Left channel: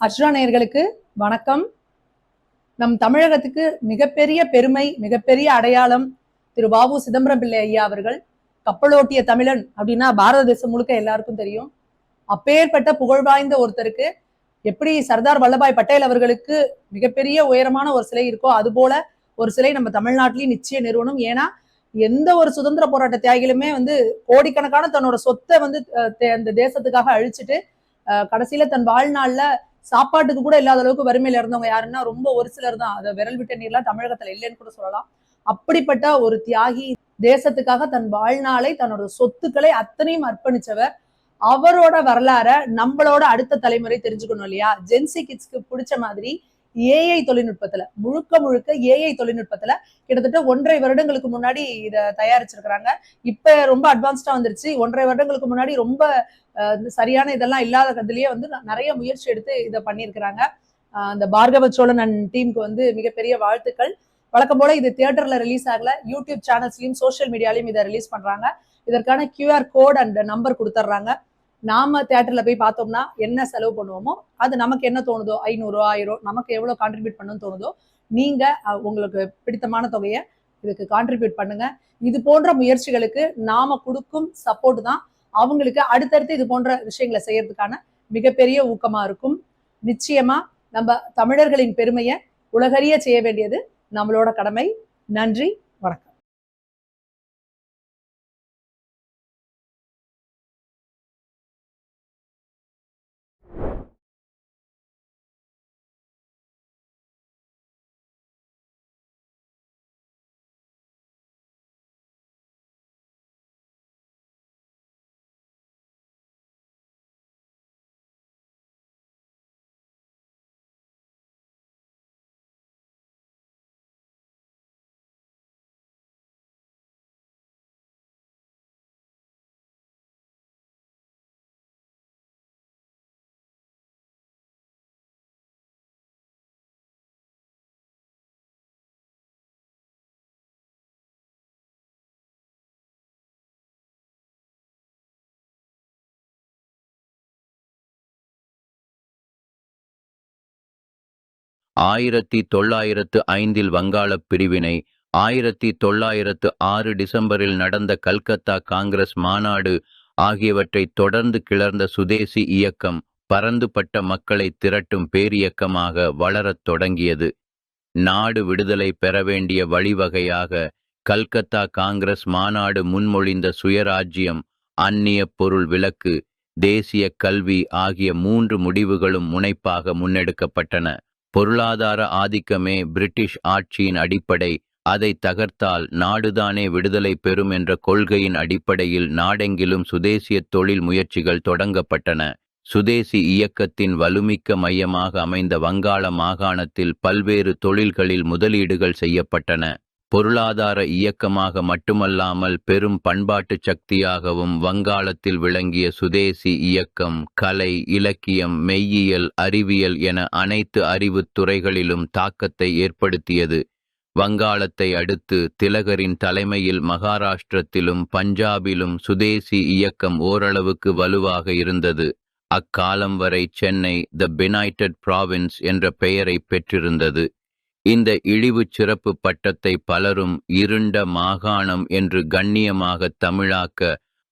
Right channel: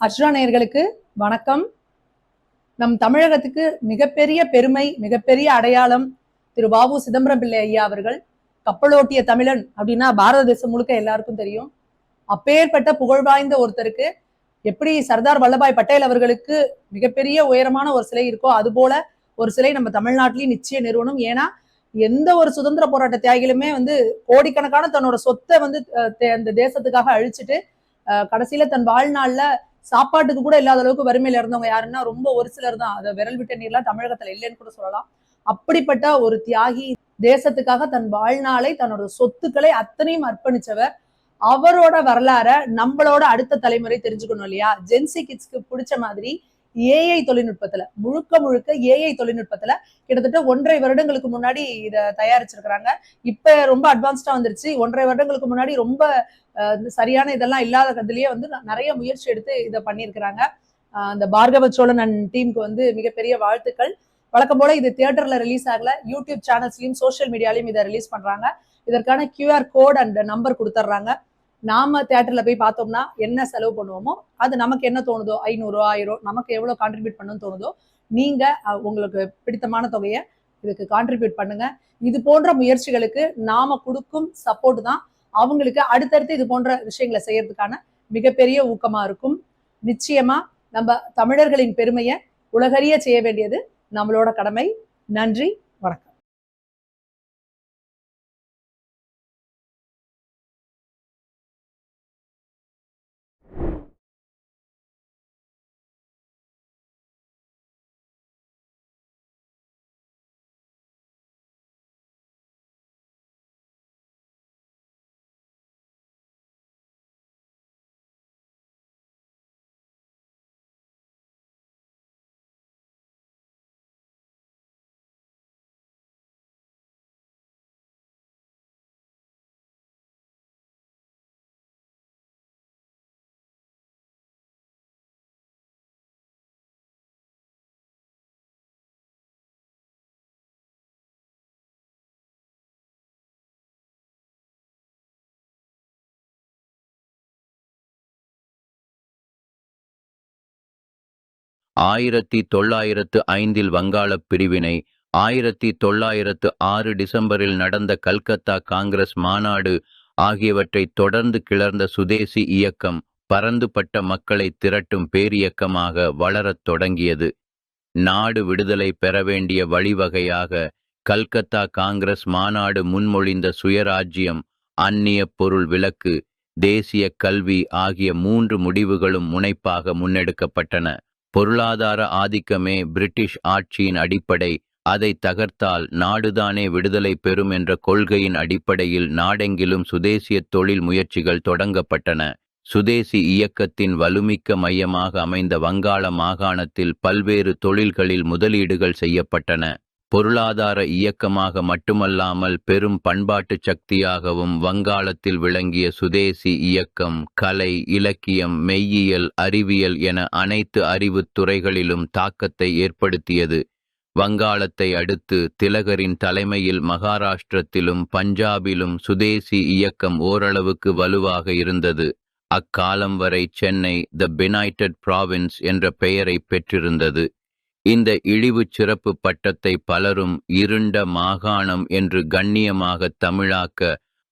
அர்ச்சனா நேயர்களுக்கு வணக்கம். நம் தமிழகத்துக்கு மிகப்பெரிய பெருமை, மிகப்பெரிய அடையாளம் திரு வ.உ. சிதம்பரம் பிள்ளை ஐயா அவர்கள். கப்பலோட்டிய தமிழன் அப்படின்னா பாரத தேசம் முழுக்க எல்லாருக்கும் தெரியும். அப்பேற்பட்ட புகழ் வாய்ந்த ஒருத்தருக்கு எப்படி சர்தார் வல்லபாய் பட்டேல் அவர்களுக்கு மிகப்பெரிய உயரமான ஒரு சிலை இருக்கோ அது போல ஒரு சிலை நம்ம தமிழ்நாட்டிலையும் நிச்சயம் நிறுவனம். ஏன்னா எந்த ஒரு சுதந்திர போராட்ட தியாகிகளுமே கோடிக்கணக்கான தன்னோட சொத்தை அந்த தேசத்துக்காக அழிச்சிட்டு கடைசியில தன் வாழ்நாள்ல சாப்பாட்டுக்கு கூட இல்லாத அளவுக்கு வறுமையில இருந்தவங்க யாருன்னா ரொம்ப ஒரு சிலர் தான். அதை விரல் விட்ட நீர்லாம் தமிழகத்துல இல்லைன்னு கூட சொல்லலாம். அப்படிப்பட்ட ஒரு தியாகி, தேசத்துக்காக தன் வாழ்நாளை தன்னோட சொத்துக்களை அத்தனையும் அர்ப்பணிச்சவர். அவரோட வரலாற நம்மளோட அடுத்த தலைமுறை தெரிஞ்சுக்கணும் இல்லையா? ஜென்சி கிட்ஸ்க்கு பிடிச்ச மாதிரி ஏஐ தொழில்நுட்பத்துல முழுக்க ஏஐ தொழில்நுட்பத்துல கிட்டத்தட்ட 1.5 வருடங்களுக்கு முன்னாடி இதை தயாரிச்சிருக்கிறாங்க. இப்ப ரொம்ப அட்வான்ஸ்டா வந்துருச்சு. 1.5 வருடங்களுக்கு முன்னாடி ரொம்ப சரியான இதெல்லாம் இல்லாத இதுலயே நிறைய முயற்சி எடுத்து இதை பண்ணியிருக்கிறாங்க. அந்த பார்கவ சோழன் அண்ட் டீமுக்கு மிகப்பெரிய வாழ்த்துக்கள். வழக்கம் போல இது தியேட்டர்ல ரிலீஸ் ஆகல, யூடியூப் சேனல்ஸ்லயும் சோசியல் மீடியாலையும் இதை ரிலீஸ் பண்றாங்க. இதற்கான QR கோட் அண்ட் நம்பர் கொடுத்துட்றாங்க. நாம தியேட்டர்ல போய் பார்த்தோம்னா என்ன செலவு பண்ணுவோமோ அது நமக்கு என்ன தோணுதோ, 500 1000 நமக்கு எவ்வளவு கான்ட்ரிபியூட் பண்ணணும்னு தோணுதோ நீங்க உங்களுக்கு பிடித்தமான தொகையை இதுக்கு கான்ட்ரிபியூட் பண்ணுங்க. இது போன்ற முயற்சிகளுக்கு நாம கொடுக்கும் சப்போர்ட் தான் அவங்களுக்கு அடுத்தடுத்து இது போன்ற விஷயங்களை செய்யறதுக்கான மிகப்பெரிய ஊக்கமா இருக்கும். நிச்சயமா நம்ம தமிழர்களின் பெருமையை உலகறிய செய்ய வேண்டியது நம்மளோட கடமை. நன்றி, வணக்கம். ஆயிரத்தி 1905 வங்காளப் பிரிவினை, 1906 டிசம்பரில் நடந்த கல்கத்தா காங்கிரஸ் மாநாடு ஆகியவற்றைத் தொடர்ந்து கிளர்ந்த சுதேசி இயக்கம் பரந்துபட்ட மக்களை திரட்டும் பேரியக்கமாக வளரத் தொடங்கியது. நாடு விடுதலை பெற வேண்டிய வழிவகையாக கல்கத்தா காங்கிரஸ் மாநாடு முன்மொழிந்த சுயராஜ்யம், அந்நிய பொருள் விலக்கு, தேசிய கல்வி ஆகிய 3 முடிவுகளும் முனைப்பாக முன்னெடுக்கப்பட்டன. பொருளாதார ஆதிக்கமே பிரிட்டிஷ் ஆட்சியின் அடிப்படை, அதை தகர்த்தால் நாடுதானே விடுதலை பெறும் என்ற கொள்கையின் அடிப்படையில் நாடெங்கிலும் சுதேசிய தொழில் முயற்சிகள் தொடங்கப்பட்டன. சுதேசி இயக்கத்தின் வலுமிக்க மையமாக அமைந்த வங்காள மாகாணத்தில் பல்வேறு தொழில்களில் முதலீடுகள் செய்யப்பட்டன. பொருளாதார இயக்கமாக மட்டுமல்லாமல் பெரும் பண்பாட்டு சக்தியாகவும் வங்காளத்தில் விளங்கிய சுதேசி இயக்கம் கலை, இலக்கியம், மெய்யியல், அறிவியல் என அனைத்து அறிவுத் துறைகளிலும் தாக்கத்தை ஏற்படுத்தியது. வங்காளத்தை அடுத்து திலகரின் தலைமையில் மகாராஷ்டிரத்திலும் பஞ்சாபிலும் சுதேசி இயக்கம் ஓரளவுக்கு வலுவாக இருந்தது. அக்காலம் வரை சென்னை த பெனைட்டட் ப்ராவின்ஸ் என்ற பெயரை பெற்றிருந்தது. இந்த இழிவு சிறப்பு பட்டத்தை பலரும் இருண்ட மாகாணம் என்று கண்ணியமாக தமிழாக்க,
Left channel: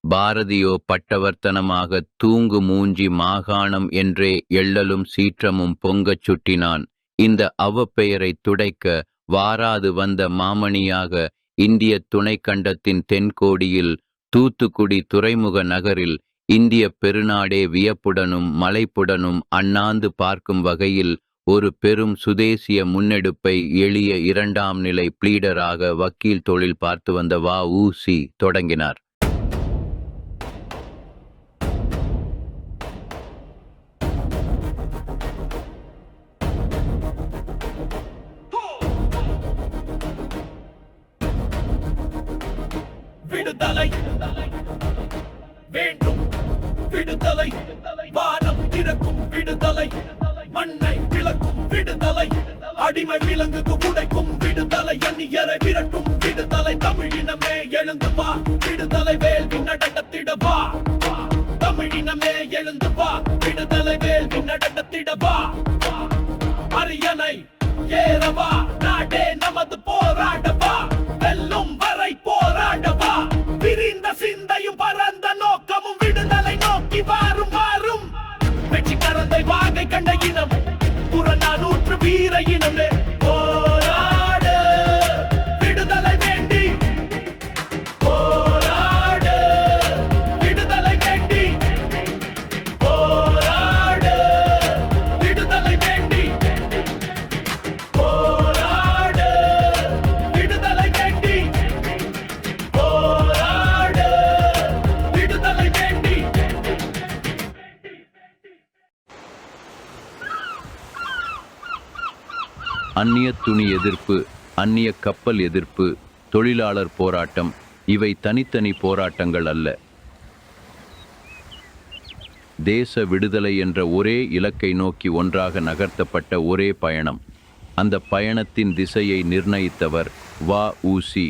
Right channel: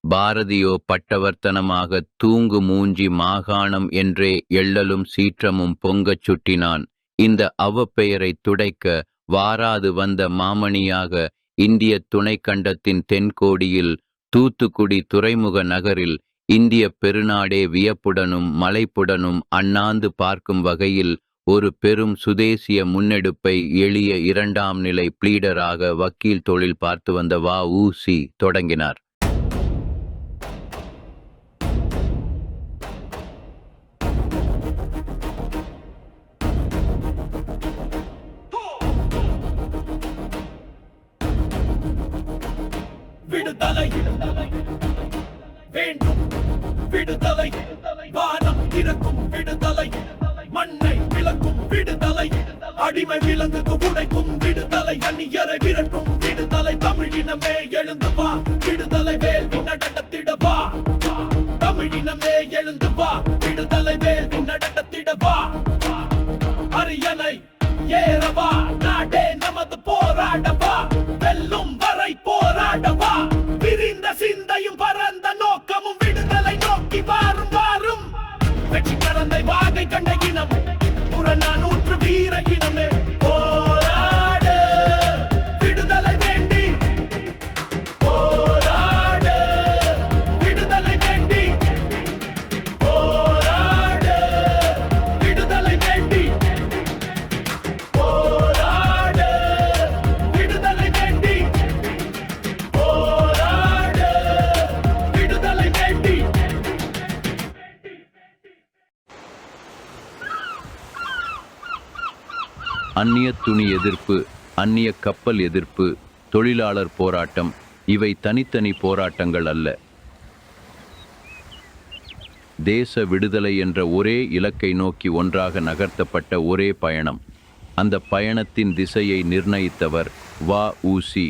பாரதியோ பட்டவர்த்தனமாக தூங்கு மூஞ்சி மாகாணம் என்றே எள்ளலும் சீற்றமும் பொங்கச் சுட்டினான். இந்த அவப்பெயரை துடைக்க வாராது வந்த மாமணியாக இந்திய துணைக்கண்டத்தின் தென்கோடியில் தூத்துக்குடி துறைமுக நகரில் இந்திய பெருநாடே வியப்புடனும் மலைப்புடனும் அண்ணாந்து பார்க்கும் வகையில் ஒரு பெரும் சுதேசிய முன்னெடுப்பை எளிய 2ஆம் நிலை பிளீடராக வக்கீல் தொழில் பார்த்து வந்த வ.உ.சி. தொடங்கினார். விடுதலை வேண்டும், விடுதலை வானம் திறக்கும், விடுதலை மண்ணை விளக்கும், விடுதலை அடிமை விலங்குக்கு உடைக்கும், விடுதலை அந்நியரை விரட்டும், விடுதலை தமிழினமே எழுந்து வா, விடுதலை வேள்வி நடத்திட வா, தமிழினமே எழுந்து வா, விடுதலை வேள்வி நடத்திட வா. காஞ்சி கரந்தை வாகை கண்ட இனம் புறநானூற்று வீர இனமே போராடு விடுதலை வேண்டி போராடு விடுதலை வேண்டி போராடு விடுதலை வேண்டி போராடு விடுதலை வேண்டி போராடு விடுதலை வேண்டி. அந்நிய துணி எதிர்ப்பு, அந்நிய கப்பல் எதிர்ப்பு, தொழிலாளர் போராட்டம் இவை தனித்தனி போராட்டங்கள் அல்ல. தேச விடுதலை என்ற ஒரே இலக்கை நோக்கி ஒன்றாக நகர்த்தப்பட்ட ஒரே பயணம். அந்த பயணத்தின் திசையை நிர்ணயித்தவர் வ.உ.சி.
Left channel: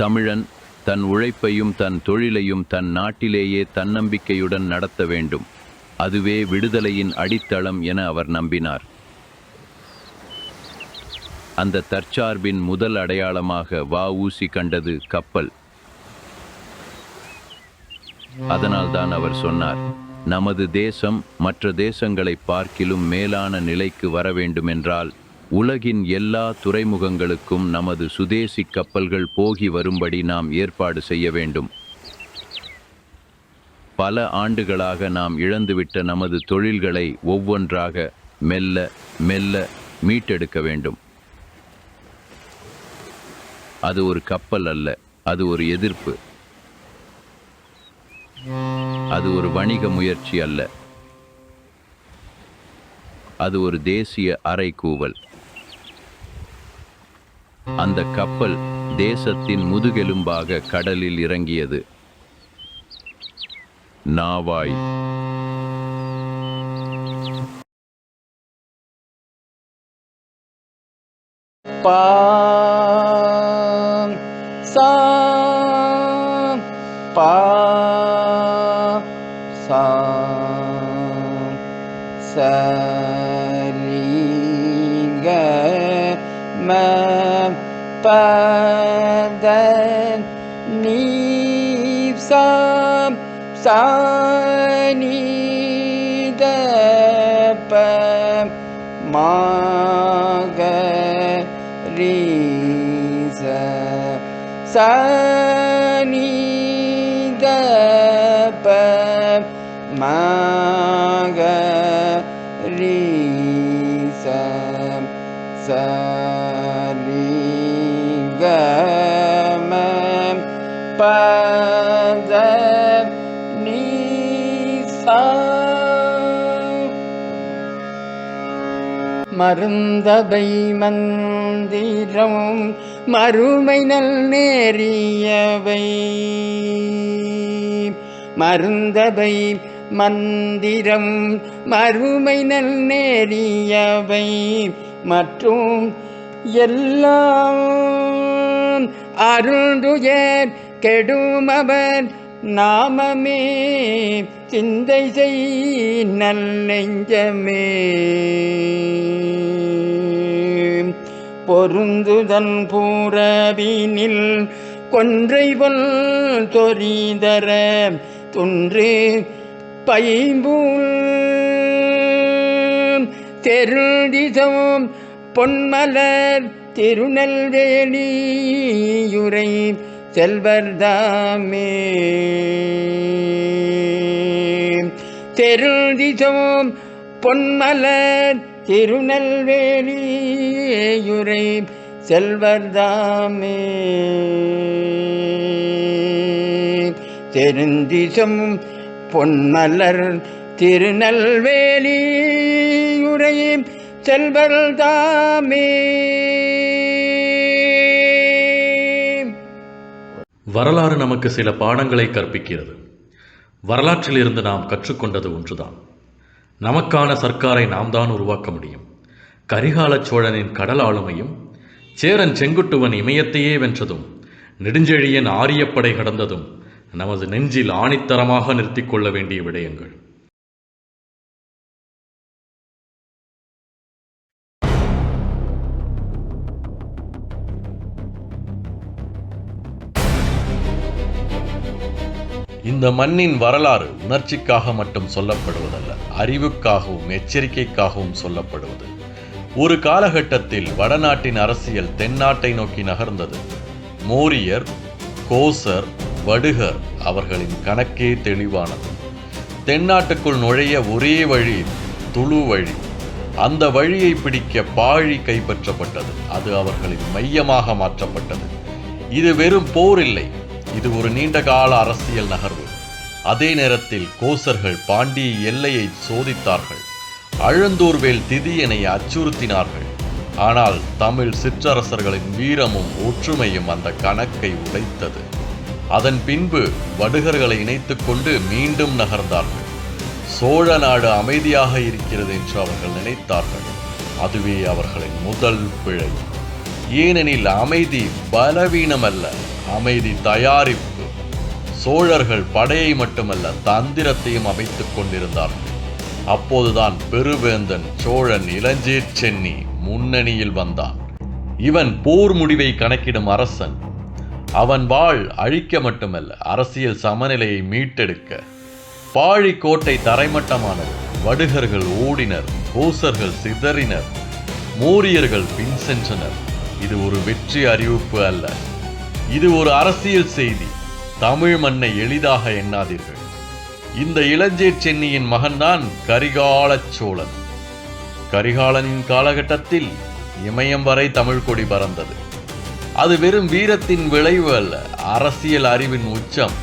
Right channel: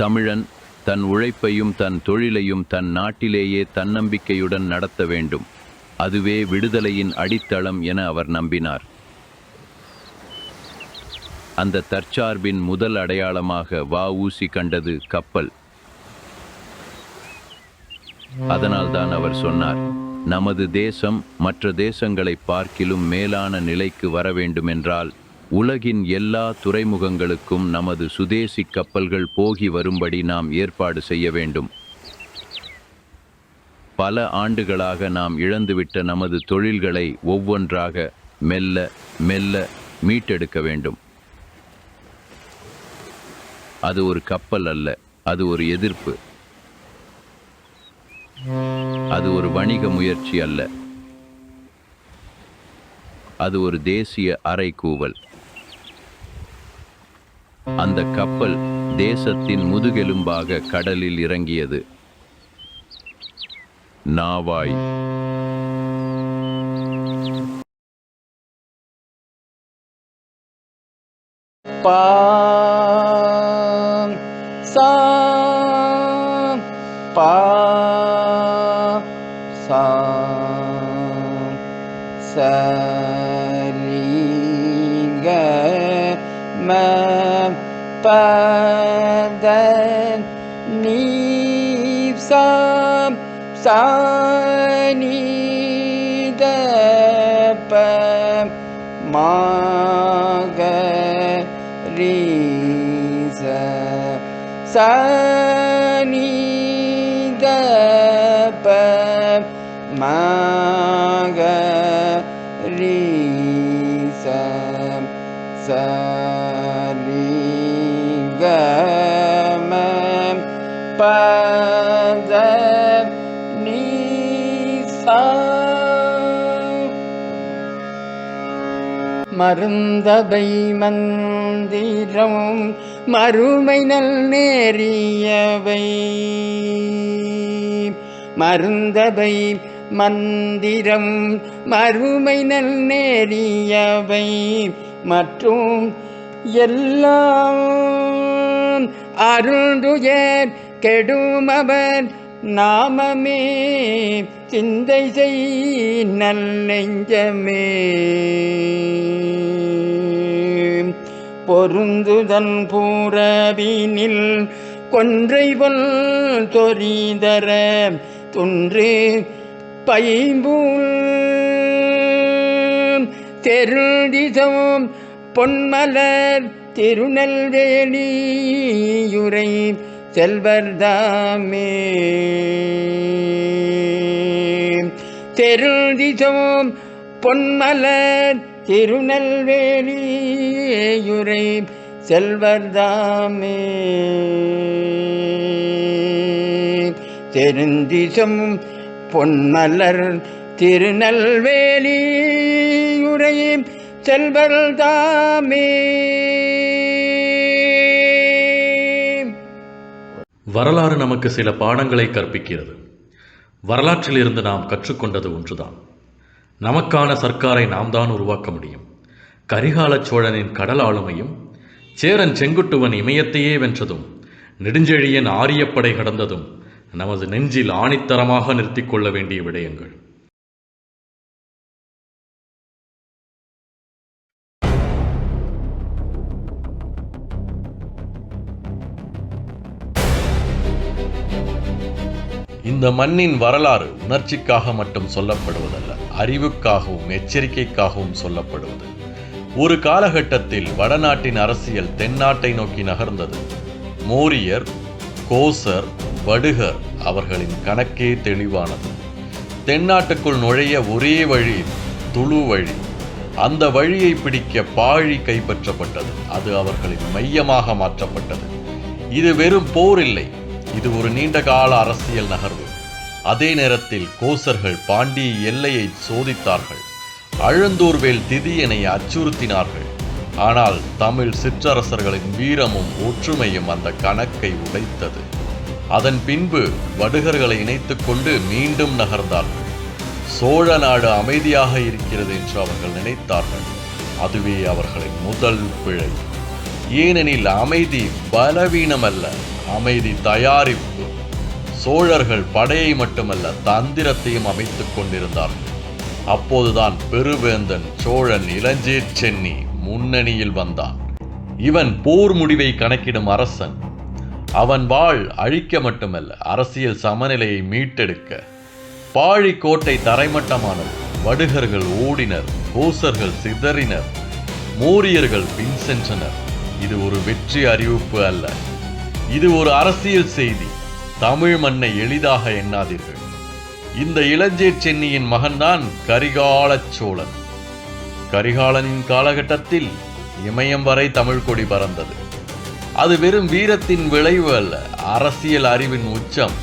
தமிழன் தன் உழைப்பையும் தன் தொழிலையும் தன் நாட்டிலேயே தன்னம்பிக்கையுடன் நடத்த வேண்டும். அதுவே விடுதலையின் அடித்தளம் என அவர் நம்பினார். அந்த தற்சார்பின் முதல் அடையாளமாக வ.உ.சி. கண்டது கப்பல். அதனால்தான் அவர் சொன்னார், நமது தேசம் மற்ற தேசங்களை பார்க்கிலும் மேலான நிலைக்கு வர வேண்டுமென்றால் உலகின் எல்லா துறைமுகங்களுக்கும் நமது சுதேசி கப்பல்கள் போகி வரும்படி நாம் ஏற்பாடு செய்ய வேண்டும். பல ஆண்டுகளாக நாம் இழந்துவிட்ட நமது தொழில்களை ஒவ்வொன்றாக மெல்ல மெல்ல மீட்டெடுக்க வேண்டும். அது ஒரு கப்பல் அல்ல, அது ஒரு எதிர்ப்பு. அது ஒரு வணிக முயற்சி அல்ல, அது ஒரு தேசிய அறைகூவல். அந்த கப்பல் தேசத்தின் முதுகெலும்பாக கடலில் இறங்கியது. நாவாய். பா சா பா சா சரி க ம ப த நீ சா சா நீ த ப மா க ரீ ச சா நீ த ப மா க ரீ ச ச ரீ க ம ப த நீ சா. மருந்தபை மந்திரம் மறுமை நல் நேரியவை. மருந்தபை மந்திரம் மறுமை நல் நேரியவை மற்றும் எல்லாம் அருந்துயர் கெடுமவர் நாமமே சிந்தை செய் நல்லெஞ்சமே. பொருந்துதன் பூரவினில் கொன்றைவல் தொரிதர துன்று பைம்பூல் தெருதிசம் பொன்மலர் திருநெல்வேலியுரை செல்வர்தாமே. தெருதிசம் பொன்மலர் திருநெல்வேலியுரை செல்வர்தாமே. தெருந்திசம் பொன்மலர் திருநெல்வேலியுரை செல்வர்தாமே. வரலாறு நமக்கு சில பாடங்களை கற்பிக்கிறது. வரலாற்றிலிருந்து நாம் கற்றுக்கொண்டது ஒன்றுதான், நமக்கான சர்க்காரை நாம் தான் உருவாக்க முடியும். கரிகால சோழனின் கடல் ஆளுமையும், சேரன் செங்குட்டுவன் இமயத்தையே வென்றதும், நெடுஞ்செழியன் ஆரியப்படை கடந்ததும் நமது நெஞ்சில் ஆணித்தரமாக நிறுத்திக் கொள்ள வேண்டிய விடயங்கள். இந்த மண்ணின் வரலாறு உணர்ச்சிக்காக மட்டும் சொல்லப்படுவதல்ல, அறிவுக்காகவும் எச்சரிக்கைக்காகவும் சொல்லப்படுவது. ஒரு காலகட்டத்தில் வடநாட்டின் அரசியல் தென்னாட்டை நோக்கி நகர்ந்தது. மோரியர், கோசர், வடுகர் அவர்களின் கணக்கே தெளிவானது. தென்னாட்டுக்குள் நுழைய ஒரே வழி துளு வழி. அந்த வழியை பிடிக்க பாழி கைப்பற்றப்பட்டது. அது அவர்களின் மையமாக மாற்றப்பட்டது. இது வெறும் போர் இல்லை, இது ஒரு நீண்ட கால அரசியல் நகர்வு. அதே நேரத்தில் கோசர்கள் பாண்டிய எல்லையை சோதித்தார்கள். அழுந்தூர்வேல் திதியனை அச்சுறுத்தினார்கள். ஆனால் தமிழ் சிற்றரசர்களின் வீரமும் ஒற்றுமையும் அந்த கணக்கை உடைத்தது. அதன் பின்பு வடுகர்களை இணைத்துக் கொண்டு மீண்டும் நகர்ந்தார்கள். சோழ நாடு அமைதியாக இருக்கிறது என்று அவர்கள் நினைத்தார்கள். அதுவே அவர்களின் முதல் பிழை. ஏனெனில் அமைதி பலவீனமல்ல, அமைதி தயாரிப்பு. சோழர்கள் படையை மட்டுமல்ல தந்திரத்தையும் அமைத்துக் கொண்டிருந்தார்கள். அப்போதுதான் பெருவேந்தன் சோழன் இளஞ்சேட்சென்னி முன்னணியில் வந்தான். இவன் போர் முடிவை கணக்கிடும் அரசன். அவன் வாழ் அழிக்க மட்டுமல்ல, அரசியல் சமநிலையை மீட்டெடுக்க. பாழி கோட்டை தரைமட்டமானது. வடுகர்கள் ஓடினர், கோசர்கள் சிதறினர், மோரியர்கள் பின் சென்றனர். இது ஒரு வெற்றி அறிவிப்பு அல்ல, இது ஒரு அரசியல் செய்தி. தமிழ் மண்ணை எளிதாக எண்ணாதீர்கள். இந்த இளஞ்சேட்சென்னியின் மகன்தான் கரிகால சோழன். கரிகாலனின் காலகட்டத்தில் இமயம் வரை தமிழ் கொடி பறந்தது. அது வெறும் வீரத்தின் விளைவு அல்ல, அரசியல் அறிவின் உச்சம்.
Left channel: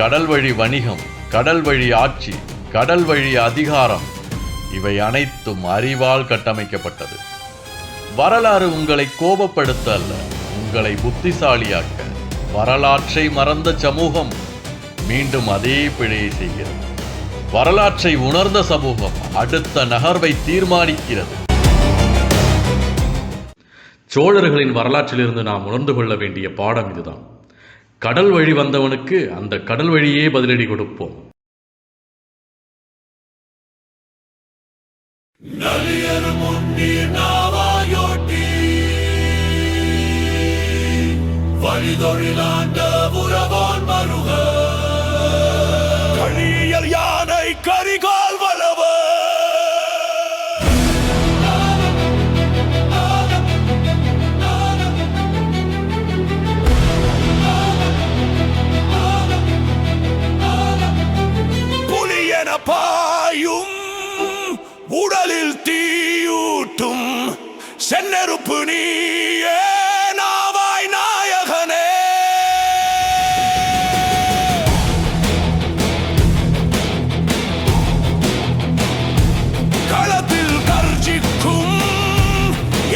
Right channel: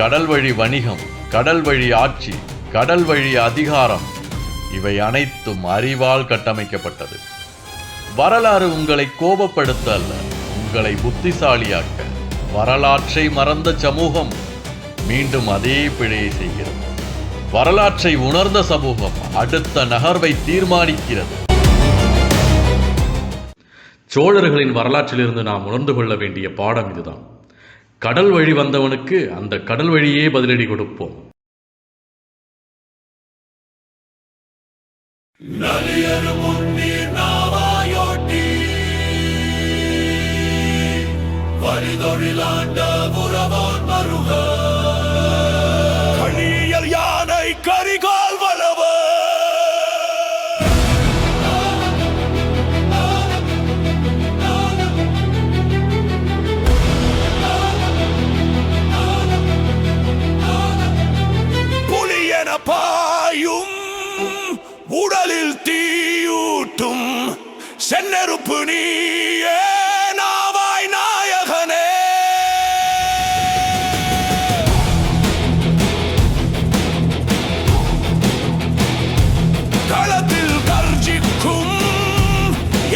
கடல் வழி வணிகம், கடல் வழி ஆட்சி, கடல் வழி அதிகாரம், இவை அனைத்தும் அறிவால் கட்டமைக்கப்பட்டது. வரலாறு உங்களை கோபப்படுத்த அல்ல, உங்களை புத்திசாலியாக்க. வரலாற்றை மறந்த சமூகம் மீண்டும் அதே பிழையை செய்கிறது. வரலாற்றை உணர்ந்த சமூகம் அடுத்த நகர்வை தீர்மானிக்கிறது. சோழர்களின் வரலாற்றிலிருந்து நாம் உணர்ந்து கொள்ள வேண்டிய பாடம் இதுதான். கடல் வழி வந்தவனுக்கு அந்த கடல் வழியே பதிலடி கொடுப்போம். நலியரு முன்னீர் நாவாயோட்டி வழிதொழிலாண்ட புறவோன் மருக கழியல் யானை கரிகால் வளவ புலியன பாயும் உடலில் தீயூட்டும் செந்நெருப்பு நீயே நாவாய் நாயகனே. களத்தில் கர்ஜிக்கும்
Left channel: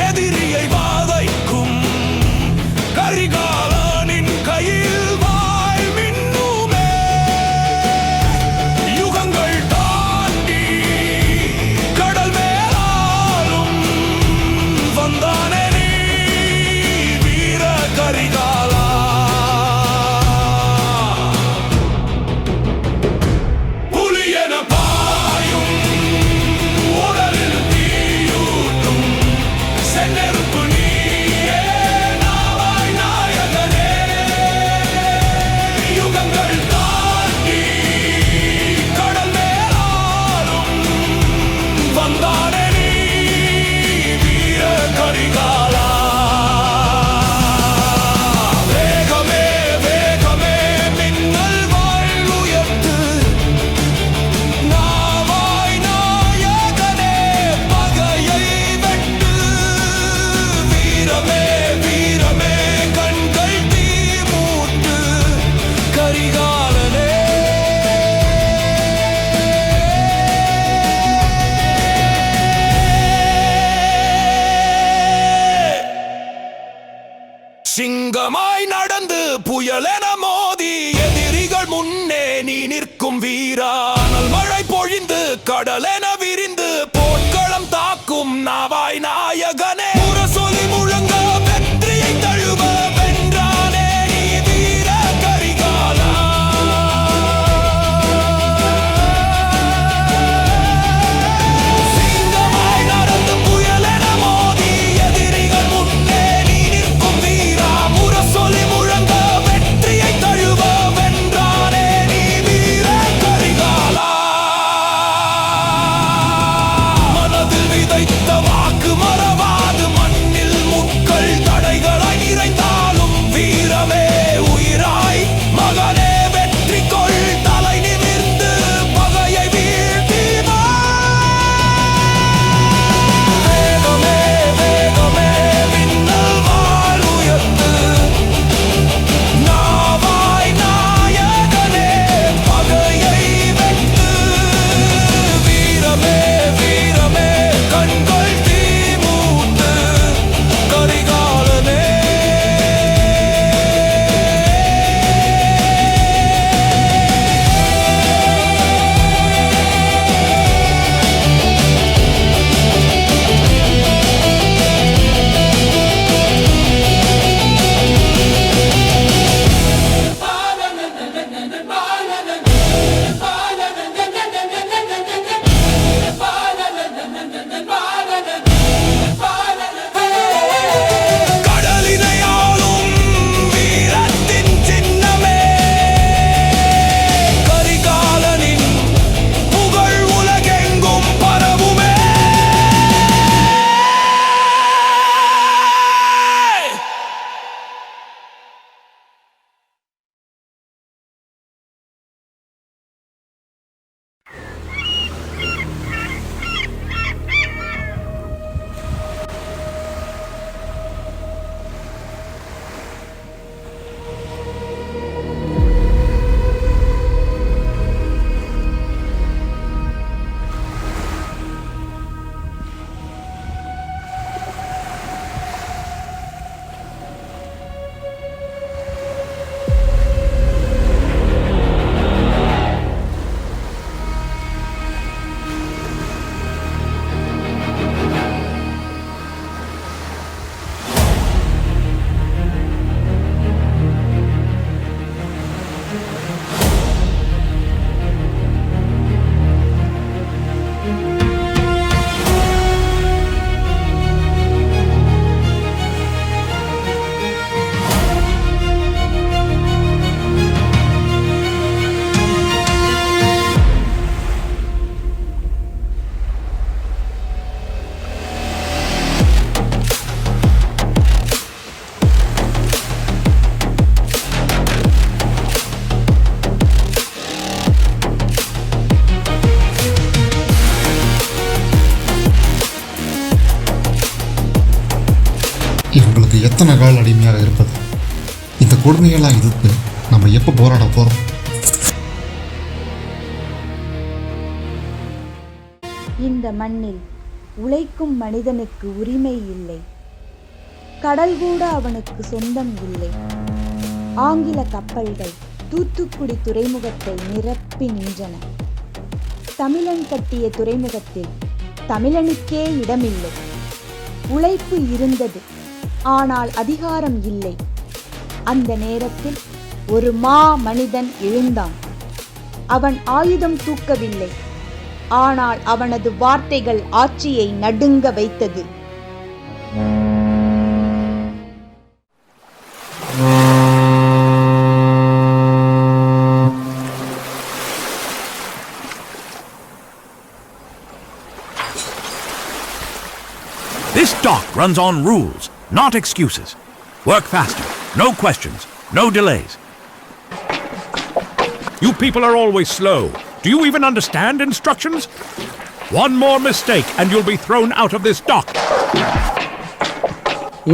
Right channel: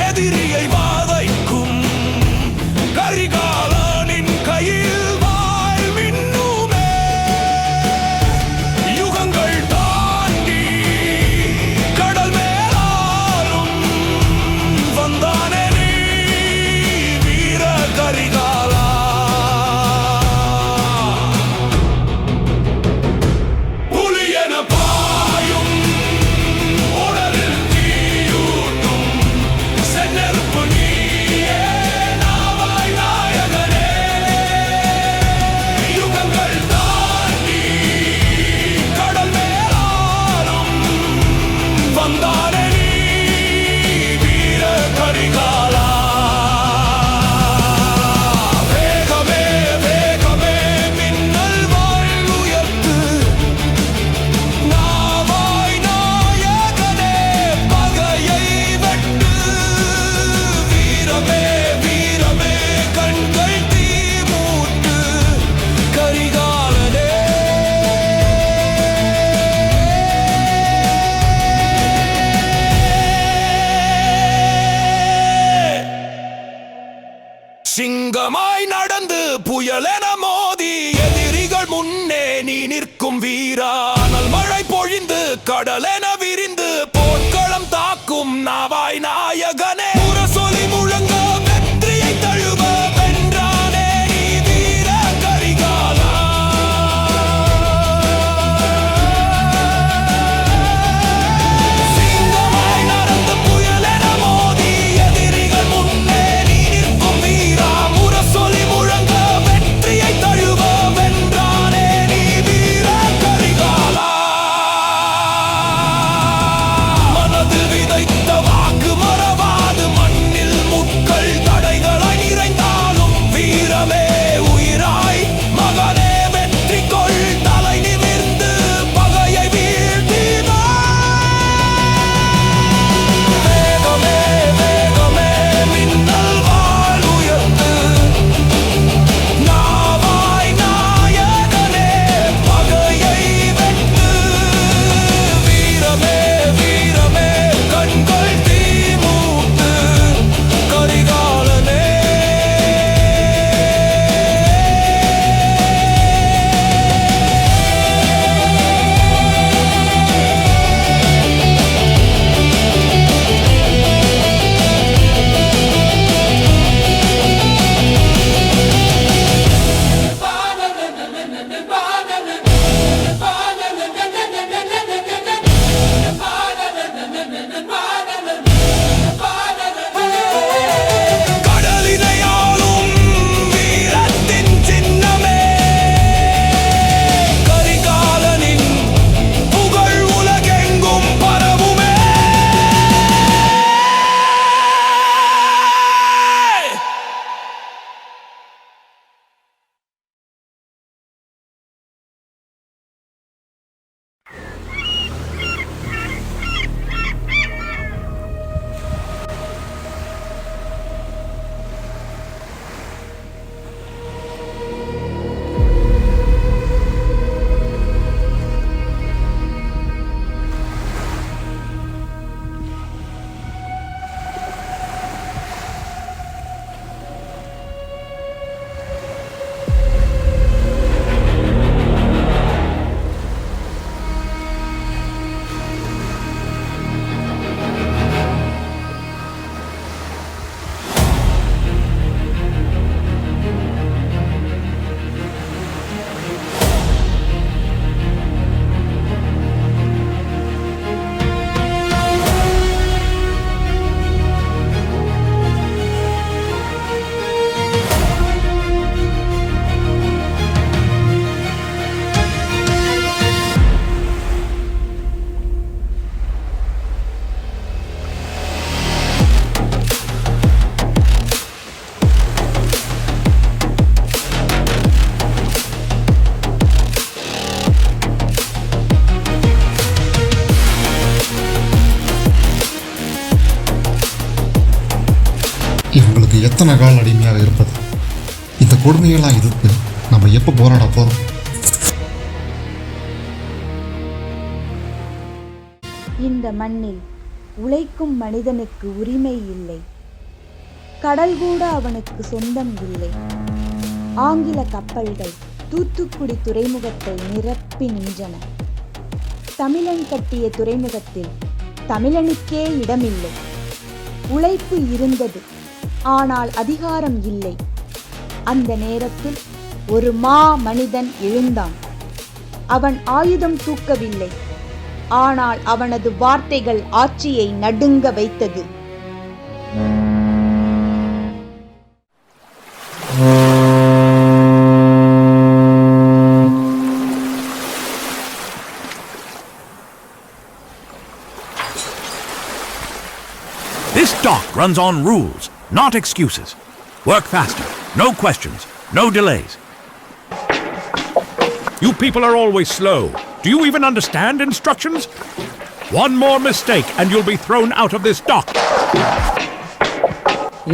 எதிரியை வாதைக்கும் கரிகாலனின் கையில் வாய் மின்னுமே. யுகங்கள் தாண்டி கடல் மேலாலும் வந்தானே நீ வீர கரிகாலா. புலியன பாயும் உடலில் தீயூட்டும் செந்நெருப்பு நீயே நாவாய் நாயகனே. யுகங்கள் தாண்டி கடல் மேலாலும் வந்தானே நீ வீர கரிகாலா. வேகமே வேகமே மின்னல் வாழ் உயர்த்து நாவாய் நாயகனே பகையை வெட்டு. வீரமே வீரமே கண்கள் தீ மூட்டு கரிகாலனே. சிங்கமாய் நடந்து புயலென மோதி எதிரிகள் முன்னே நீ நிற்கும் வீரா. அனல் மழை பொழிந்து கடலென விரிந்து போர்க்களம் தாக்கும் நாவாய் நாயகனே. முரசொலி முழங்க வெற்றியை தழுவ வென்றானே நீ வீர கரிகாலா. சிங்கமாய் நடந்து புயலென மோதி எதிரிகள் முன்னே நீ நிற்கும் வீரா. முரசொலி முழங்க வெற்றியை தழுவ வென்றானே நீ எத்தனை கால் அடிமையாக இருப்பது? இந்த கொடுமையெல்லாம் எதிர்த்து நம்ம எப்போ போராட போகிறோம்? இந்த மண்ணில் உழைக்கும் மனிதனுக்கு உரிமை இல்லை. கடல் கூட அவனுக்கு சொந்தம் இல்லை. ஆங்கில கப்பல்கள் தூத்துக்குடி துறைமுகத்தை நிரப்பி நின்றன. தமிழன் கட்டிய துறைமுகத்தில் தமிழனுக்கே இடமில்லை. உழைப்பு இருந்தது, ஆனால் அதிகாரம் இல்லை. அந்த நேரத்தில் ஒரு மனிதன் எழுந்தான். அவன் ஆயுதம் தூக்கவில்லை, ஆனால் அவனது வார்த்தைகள் ஆட்சியை நடுங்க வைத்தது. This dock runs on rules, not excuses. Work faster, no questions, no delays. You people are always slow. Do you even understand instructions? One more mistake and you'll be thrown out of this dock.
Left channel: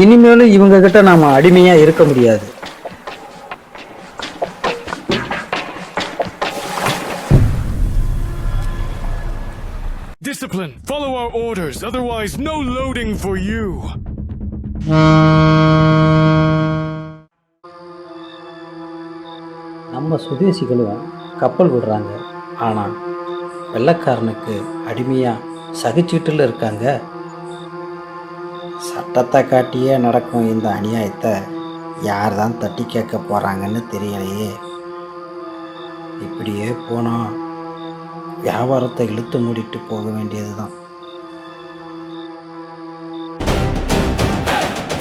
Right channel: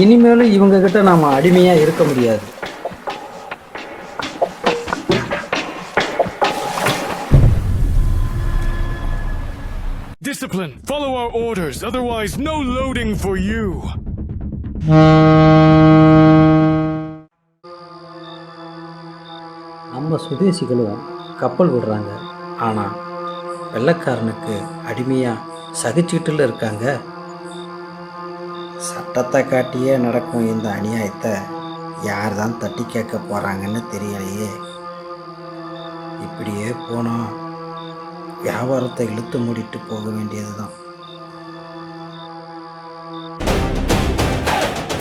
இனிமேலும் இவங்க கிட்ட நாம அடிமையா இருக்க முடியாது. Discipline. Follow our orders, otherwise no loading for you. நம்ம சுதேசிகளும் கப்பல் விடுறாங்க, ஆனால் வெள்ளைக்காரனுக்கு அடிமையாக சகிச்சுக்கிட்டுல இருக்காங்க. சட்டத்தை காட்டியே நடக்கும் இந்த அநியாயத்தை யார் தான் தட்டி கேட்க போகிறாங்கன்னு தெரியலையே. இப்படியே போனால் வியாபாரத்தை இழுத்து மூடிட்டு போக வேண்டியது தான்.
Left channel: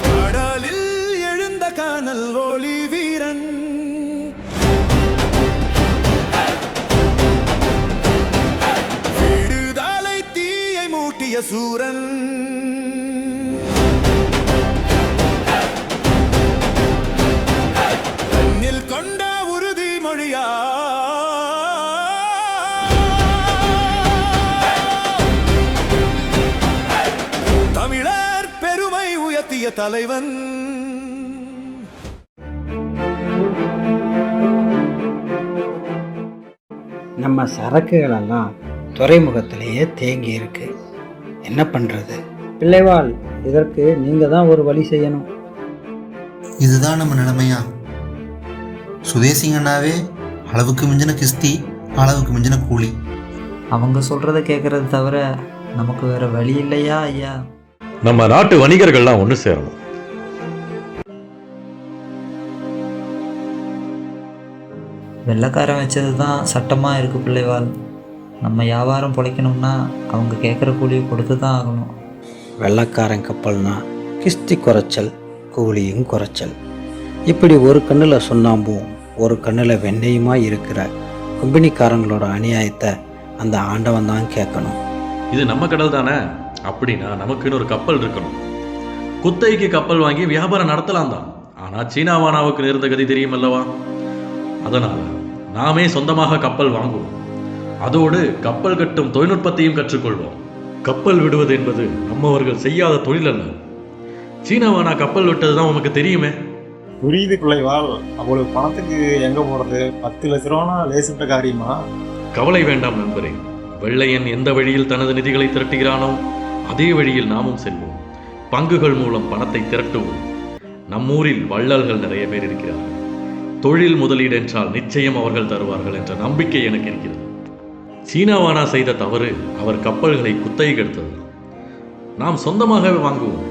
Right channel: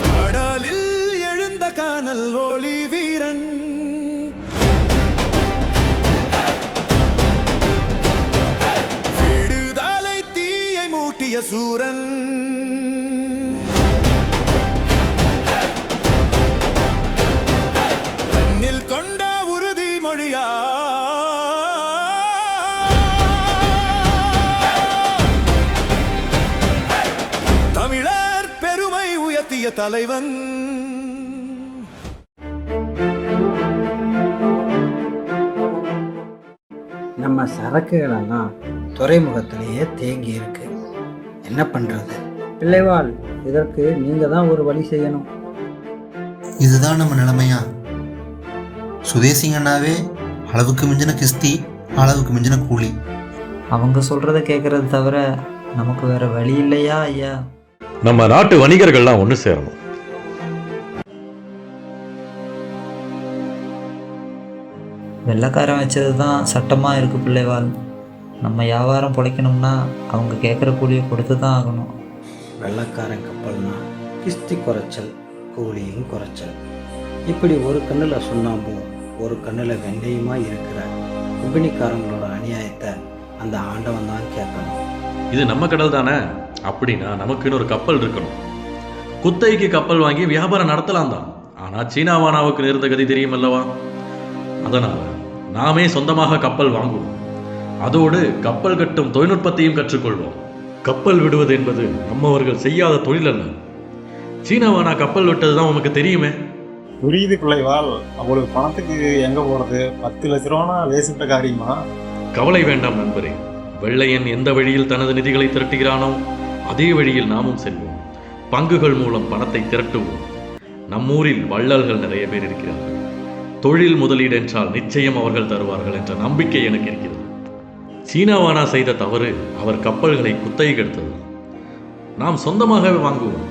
கடலில் எழுந்த கானல் ஒளி வீரன், விடுதலை தீயை மூட்டிய சூரன், தன்னில் கொண்ட உறுதிமொழியா தமிழர் பெருமை உயர்த்திய தலைவன். நம்ம சரக்குகளெல்லாம் துறைமுகத்திலேயே தேங்கி இருக்கு. என்ன பண்ணுறது? பிள்ளைவாள், இதற்கு நீங்கள் தான் ஒரு வழி செய்யணும். இதுதான் நம்ம நிலைமையா? சுதேசிங்கன்னாவே அளவுக்கு மிஞ்சின கிஸ்தி, அளவுக்கு மிஞ்சின கூலி. அவங்க சொல்கிறத கேட்குறது தவிர நமக்கு வேற வழி இல்லையா ஐயா? நம்ம நாட்டு வணிகர்கள்லாம் ஒன்று சேரணும். வெள்ளைக்காரன் வச்சது தான் சட்டமாக இருக்குது பிள்ளைவாள். நம்ம வியாபாரம் பிழைக்கணும்னா அவங்க கேட்குற கூலியை கொடுத்து தான் ஆகணும். வெள்ளைக்காரன் கப்பல்னா கிஸ்தி குறைச்சல், கூலியும் குறைச்சல். இப்படி ஒரு கண்ணில் சுண்ணாம்பும் ஒரு கண்ணில் வெண்ணெயுமா இருக்கிற கும்பினிக்காரங்களோட அநியாயத்தை அந்த ஆண்டவன் தான் கேட்கணும். இது நம்ம கடல் தானே, அப்படின்னா நமக்குன்னு ஒரு கப்பல் இருக்கணும். குத்தகைக்கு கப்பல் வாங்கி வியாபாரம் நடத்தலாம் தான். ஆனால் சீனாவானாவுக்கு நேர்ந்த கதி தெரியும் அல்லவா? அதனால் நாமே சொந்தமாக கப்பல் வாங்குவோம். அதோடு கப்பல் கட்டும் தொழில்நுட்பத்தையும் கற்றுக்கொள்வோம். கப்பல் விடுவது என்பது நம்மவர்கள் செய்யாத தொழில் அல்ல. சீனாவானா கப்பல் விட்டது தான் உனக்கு தெரியுமே. புரியுது பிள்ளைவாள். அவ்வளவு பணத்துக்கு எங்கே போகிறது? 10 லட்ச ரூபானா லேசிட்ட காரியமா? கவலை வேண்டாம் நண்பரே. வெள்ளையன் எந்த வழியில் தனது நிதிகளை திரட்டுகிறானோ அதே வழியில் நாமும் செல்வோம். பங்குகள் மூலம் பணத்தை திரட்டுவோம். நம்மூரில் வள்ளல்கள் நிறைய பேர் இருக்கிறார்கள். தொழில் முதலீடு என்றால் நிச்சயம் அவர்கள் தருவார்கள் என்ற நம்பிக்கை எனக்கு இருக்கிறது. சீனாவானா செய்த தவறு அவர் கப்பல்களை குத்தகைக்கு எடுத்தது. நாம் சொந்தமாகவே வாங்குவோம்.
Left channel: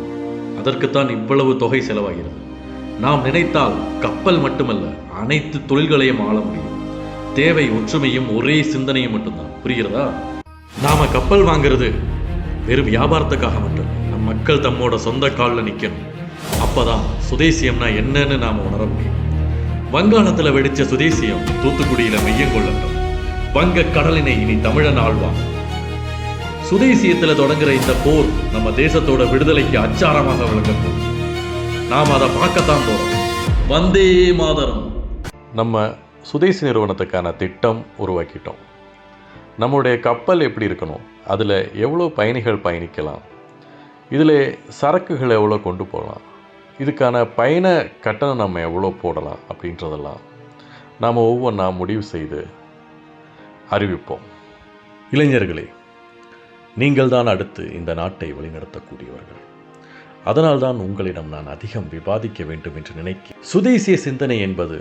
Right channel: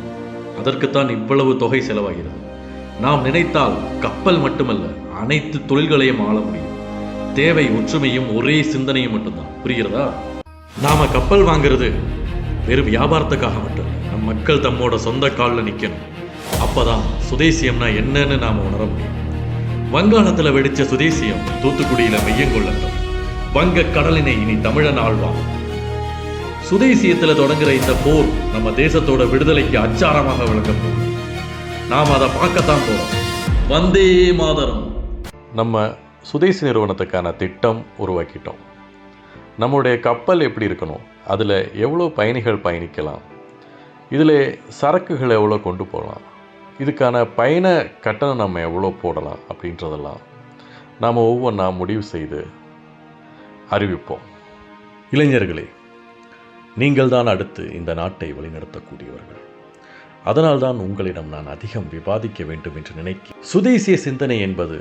அதற்குத்தான் இவ்வளவு தொகை செலவாகிறது. நாம் நினைத்தால் கப்பல் மட்டுமல்ல, அனைத்து தொழில்களையும் ஆள முடியும். தேவை ஒற்றுமையும் ஒரே சிந்தனையும் மட்டும்தான். புரிகிறதா? நாம கப்பல் வாங்கிறது வெறும் வியாபாரத்துக்காக மட்டும். நம் மக்கள் தம்மோட சொந்த காலில் நிற்கணும். அப்பதான் சுதேசியம்னா என்னன்னு நாம உணர முடியும். வங்காளத்தில் வெடிச்ச சுதேசியம் தூத்துக்குடியில மையம் கொள்ளட்டும். வங்க கடலினை இனி தமிழன் ஆழ்வான். சுதேசியத்துல தொடங்குற இந்த போர் நம்ம தேசத்தோட விடுதலைக்கு அச்சாரமாக விளங்க போகுது. நாம் அதை பார்க்கத்தான் போறோம். வந்தே மாதரம். நம்ம சுதேசி நிறுவனத்துக்கான திட்டம் உருவாக்கிட்டோம். நம்முடைய கப்பல் எப்படி இருக்கணும், அதில் எவ்வளோ பயணிகள் பயணிக்கலாம், இதில் சரக்குகள் எவ்வளோ கொண்டு போகலாம், இதுக்கான பயண கட்டணம் நம்ம எவ்வளோ போடலாம் அப்படின்றதெல்லாம் நாம் ஒவ்வொன்றா முடிவு செய்து அறிவிப்போம். இளைஞர்களே, நீங்கள் தான் அடுத்து இந்த நாட்டை வழிநடத்தக்கூடியவர்கள். அதனால்தான் உங்களிடம் நான் அதிகம் விவாதிக்க வேண்டும் என்று நினைக்கிறேன். சுதேசிய சிந்தனை என்பது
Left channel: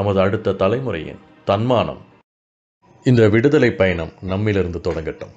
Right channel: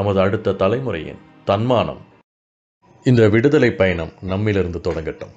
நமது அடுத்த தலைமுறையின் தன்மானம். இந்த விடுதலை பயணம் நம்மிலிருந்து தொடங்கட்டும்.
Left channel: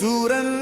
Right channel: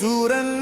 சூரன்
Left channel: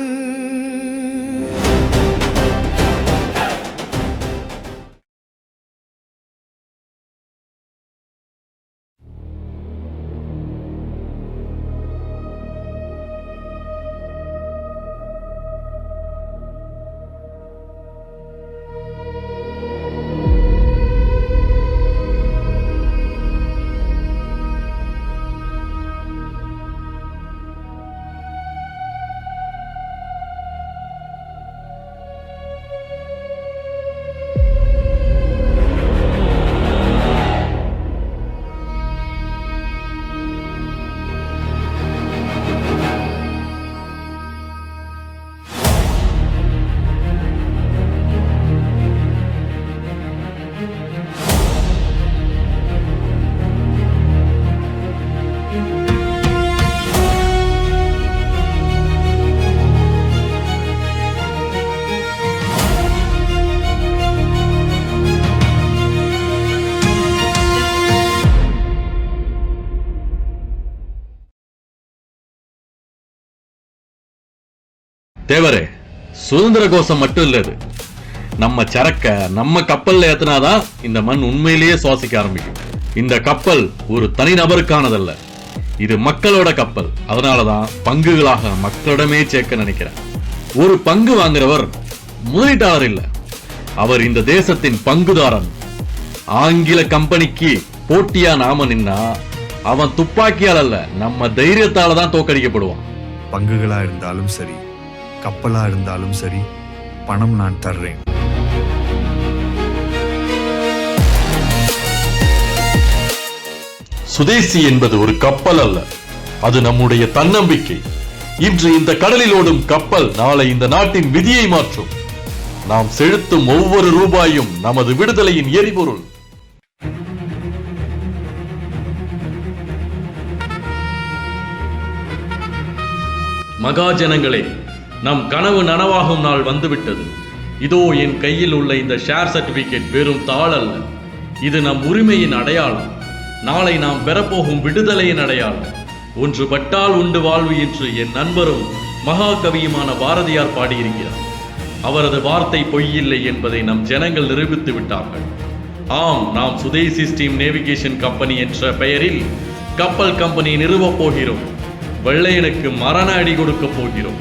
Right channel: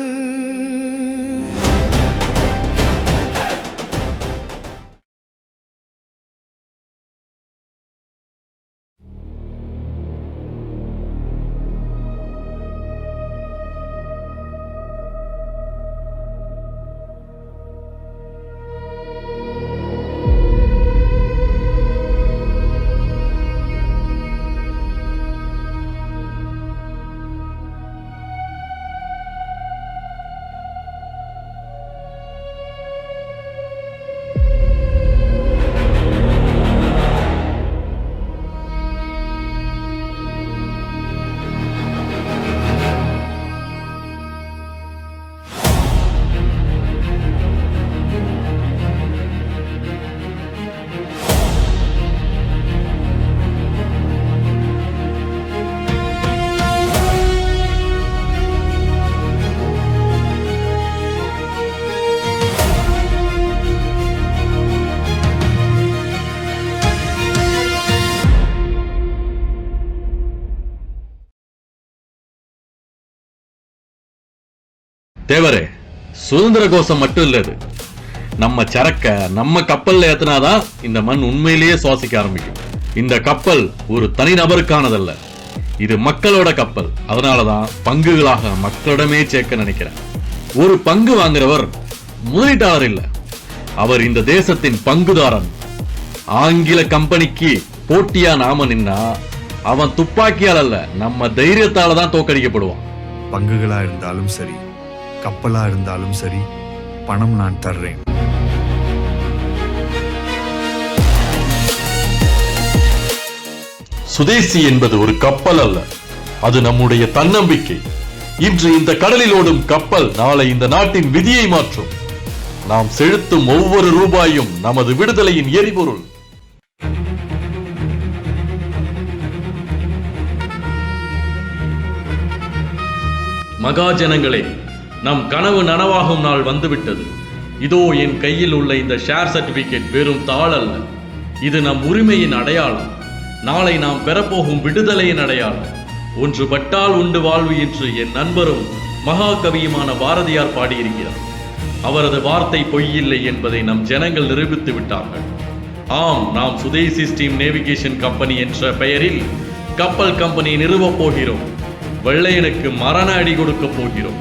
தேவரே, சுதந்திர கோஷம் மட்டும் இல்ல, இது நம்ம சரக்க நம்ம கப்பல்ல ஏத்தினாதான் இந்த மண் உண்மையிலேயே சுவாசிக்க ஆரம்பிக்கும். இந்த கப்பல் ஒரு தனிநபருக்கானதல்ல, இது மக்களோட கப்பல். அதனாலதான் பங்குகளாக மக்களிடமே சேர்க்க நினைக்கிறேன். ஒரு பங்கு வாங்குறவர் முதலீட்டாளர் இல்ல, அவர் இந்த தேசத்தின் பங்குதாரன். ஆங்கில கம்பெனிக்கு போட்டியா நாம நின்னா அவன் துப்பாக்கியால் அல்ல, நம்ம தைரியத்தால தான் தோக்கடிக்கப்படுவான். பங்குகளா இருந்தாலும் சரி, கப்பலா இருந்தாலும் சரி, பணம் நான் தர்றேன். சுதேசி என்பது ஒரு கப்பல் அல்ல, அது நம்முடைய தன்னம்பிக்கை. இன்று இந்த கடலில் ஓடும் கப்பல் நாளை இந்த நாட்டின் விதியை மாற்றும். நாம் செலுத்தும் ஒவ்வொரு ரூபாயும் நமது விடுதலையின் எரிபொருள். மகாஜனங்களே, நம் கனவு நனவாகும் நாள் வந்துவிட்டது. இதோ என் கையில் உள்ள இந்த ஷேர் சர்டிபிகேட் வெறும் தாள் அல்ல, இது நம் உரிமையின் அடையாளம். நாளை நாம் பெறப்போகும் விடுதலையின் அடையாளம். ஒன்று பட்டால் உண்டு வாழ்வு என்று என் நண்பரும் மகாகவியுமான பாரதியார் பாடியிருக்கிறார். அவரது வார்த்தை பொய்யில்லை என்பதை நம் ஜனங்கள் நிரூபித்து விட்டார்கள். ஆம், நாம் சுதேசி ஸ்டீம் நேவிகேஷன் கம்பெனி என்ற பெயரில் கப்பல் கம்பெனி நிறுவப் போகிறோம். வெள்ளையனுக்கு மரண அடி கொடுக்க போகிறோம்.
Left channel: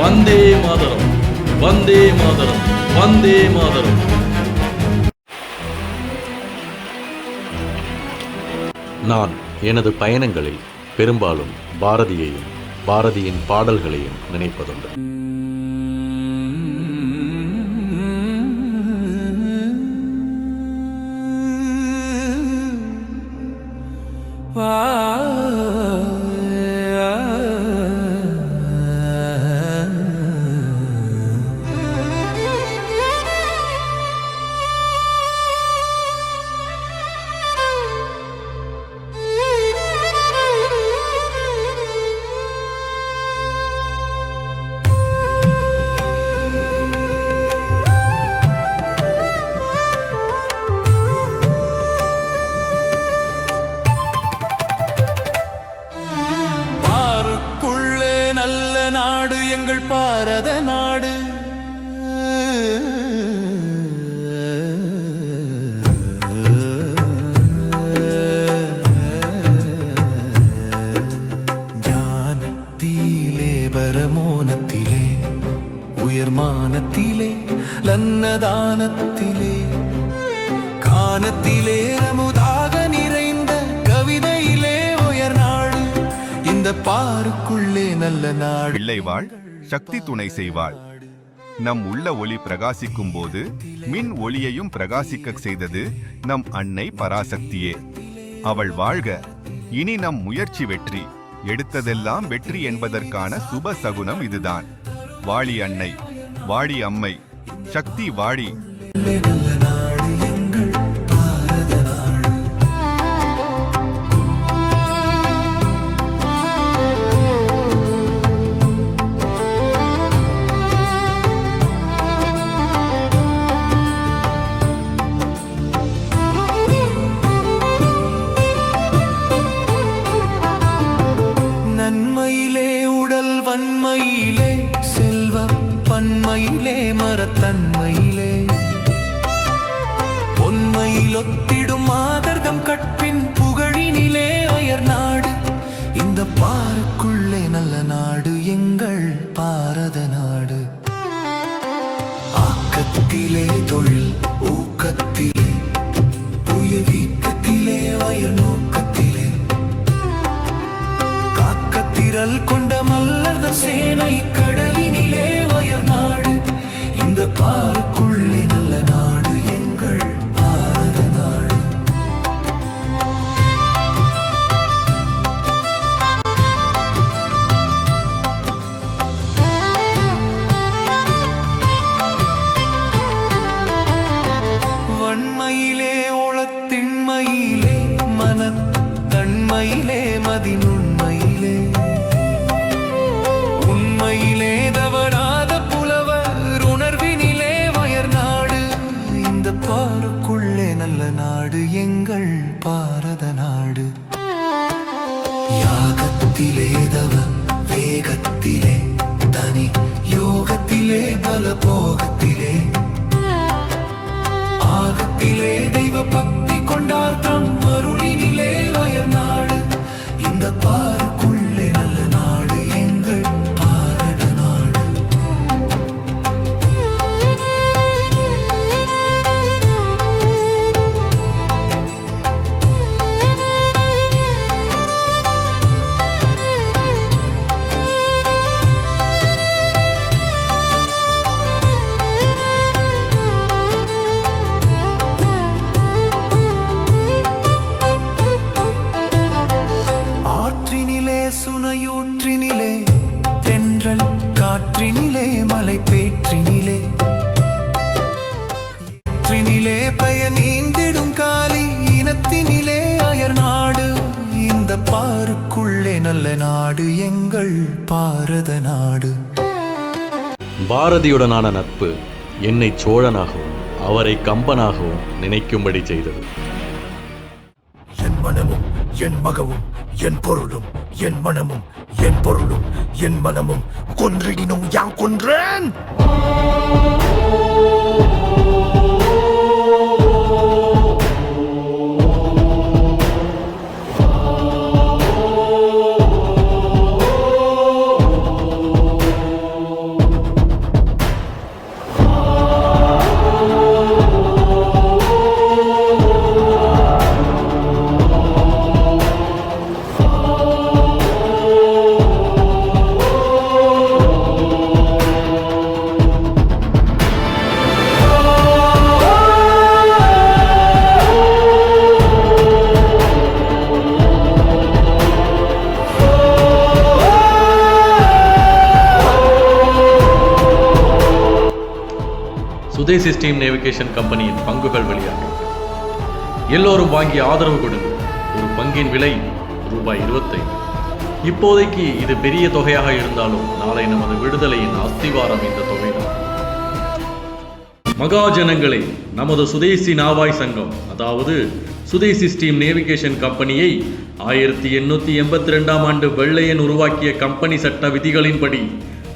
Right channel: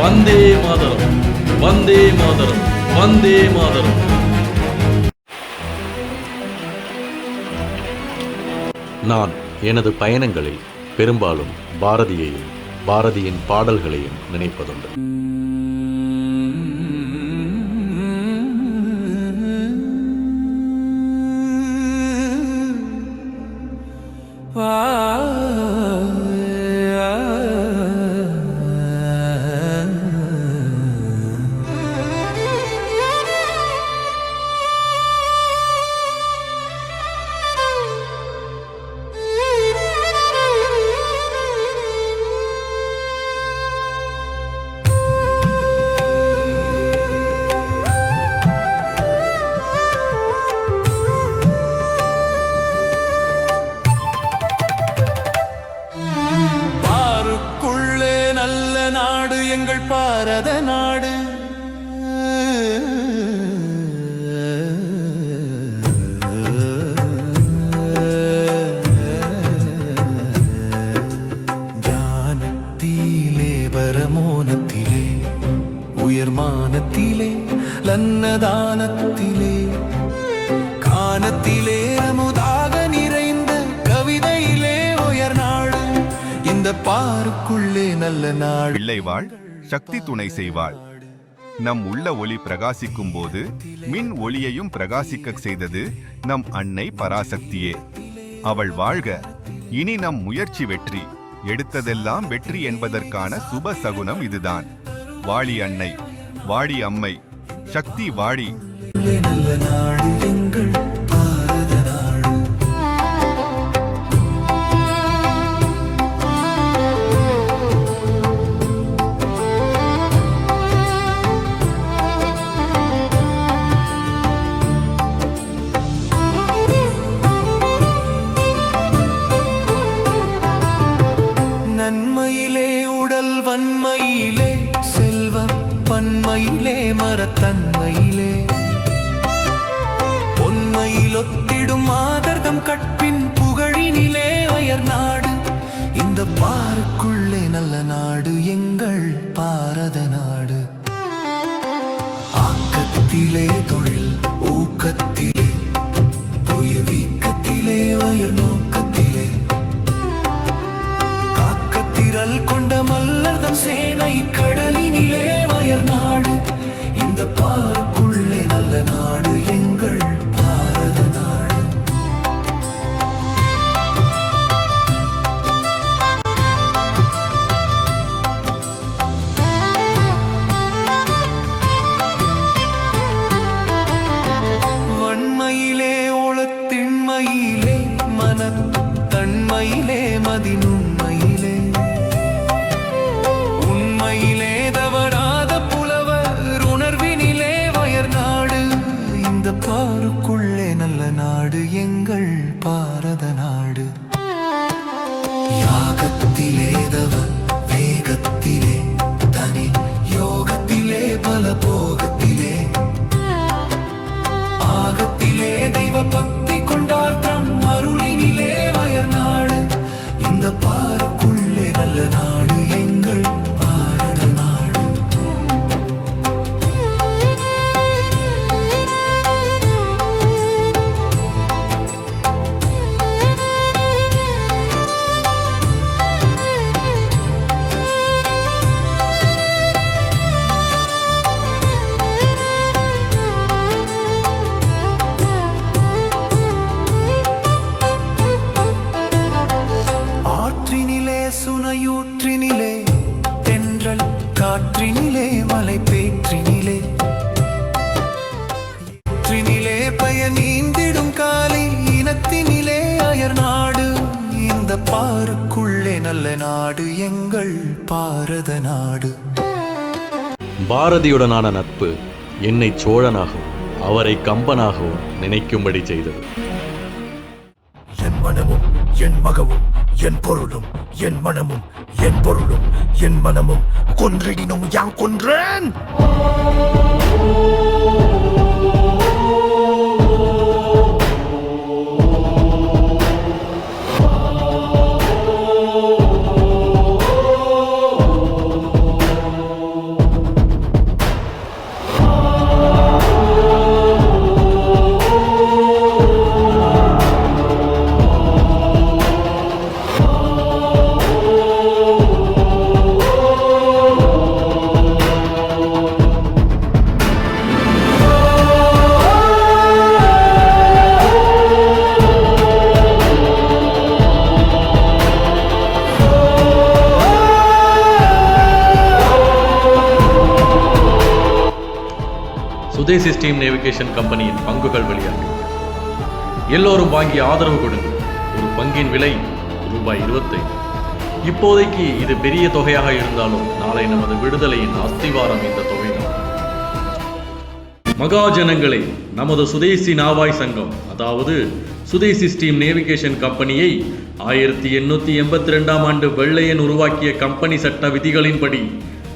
வந்தே மாதரம், வந்தே மாதரம், வந்தே மாதரம். நான் எனது பயணங்களில் பெரும்பாலும் பாரதியையும் பாரதியின் பாடல்களையும் நினைப்பதுண்டு. எங்கள் பாரத நாடு. ஞானத்திலே பரமோனத்திலே உயர்மானத்திலே லன்னதானத்திலே கானத்திலே அமுதாக நிறைந்த கவிதையிலே உயர் நாடு. இந்த பாருக்குள்ளே நல்ல நாடு. பிள்ளைவாள் சக்தி துணை செய்வாள். நம் உள்ள ஒளி பிரகாசிக்கும் போது மின் ஒளியையும் பிரகாசிக்க செய்தது நம் அன்னை பராசக்தியே. அவள் வாழ்க. இனி நம் முயற்சி வெற்றி. எடுத்ததெல்லாம் வெற்றி என்பதற்கான சுப சகுனம் இதுதான். வாழி அன்னை, வாழி அம்மை, சக்தி வாழி. நல்ல நாடு எங்கள் பாரத நாடு. நன்மையிலே உடல் வன்மையிலே செல்வ பன்மையிலே மரத்தன்மையிலே பொன்மையில் ஒத்திடும் மாதர்தம் கற்பின் புகழினிலே அயர் நாடு. இந்த பாருக்குள்ளே நல்ல நாடு எங்கள் பாரத நாடு. ஆக்கத்திலே தொழில் ஊக்கத்திலே புய வீக்கத்திலே அயர் நோக்கத்திலே காக்கத்திரல் கொண்ட மல்லர்தம் சேனை கடலினிலே அயர் நாடு. இந்த பாருக்குள்ளே நல்ல நாடு எங்கள் பாரத நாடு. வன்மையிலே ஒளத்திண்மையிலே மனத்தன்மையிலே மதிநுண்மையிலே உண்மையிலே தவறாத புலவர் உணர்வினிலே வயர் நாடு. இந்த பாருக்குள்ளே நல்ல நாடு எங்கள் பாரத நாடு. யாகத்திலே தவ வேகத்திலே தனி யோகத்திலே பல போகத்திலே ஆகத்திலே தெய்வ பக்தி கொண்டார்த்தம் அருளினிலே வயர் நாடு. இந்த பாருக்குள்ளே நல்ல நாடு எங்கள் பாரத நாடு. ஆற்றினிலே சுனையூற்றினிலே தென்றல் காற்றினிலே மலை பேற்றினிலே ஏற்றினிலே பயனீந்திடும் காலி இனத்தினிலே அயர் நாடு. இந்த பாருக்குள்ளே நல்ல நாடு எங்கள் பாரத நாடு. பாரதியுடனான நட்பு என்னை சோழனாகவும் அவரை கம்பனாகவும் நினைக்கும்படி செய்தது. என் மனமும் என் மகவும் என் பொருளும் என் மனமும் என் பொருளும் என் மனமும் கொன்றிடினும் யான் கொன்றேன். சுதேசி ஸ்டீம் நேவிகேஷன் கம்பெனியின் பங்குகள் வெளியாகிவிட்டது. எல்லோரும் வாங்கி ஆதரவு கொடுங்கள். ஒரு பங்கின் விலை ரூபாய் 25. இப்போதைக்கு இது பெரிய தொகையாக இருந்தாலும் நாளை நமது விடுதலையின் அஸ்திவாரம் இந்த தொகைதான். மகாஜனங்களே, நமது சுதேசி நாவாய் சங்கம், அதாவது சுதேசி ஸ்டீம் நேவிகேஷன் கம்பெனியை 1882 ஆண்டு வெள்ளையன் உருவாக்கிய கம்பெனி சட்ட விதிகளின்படி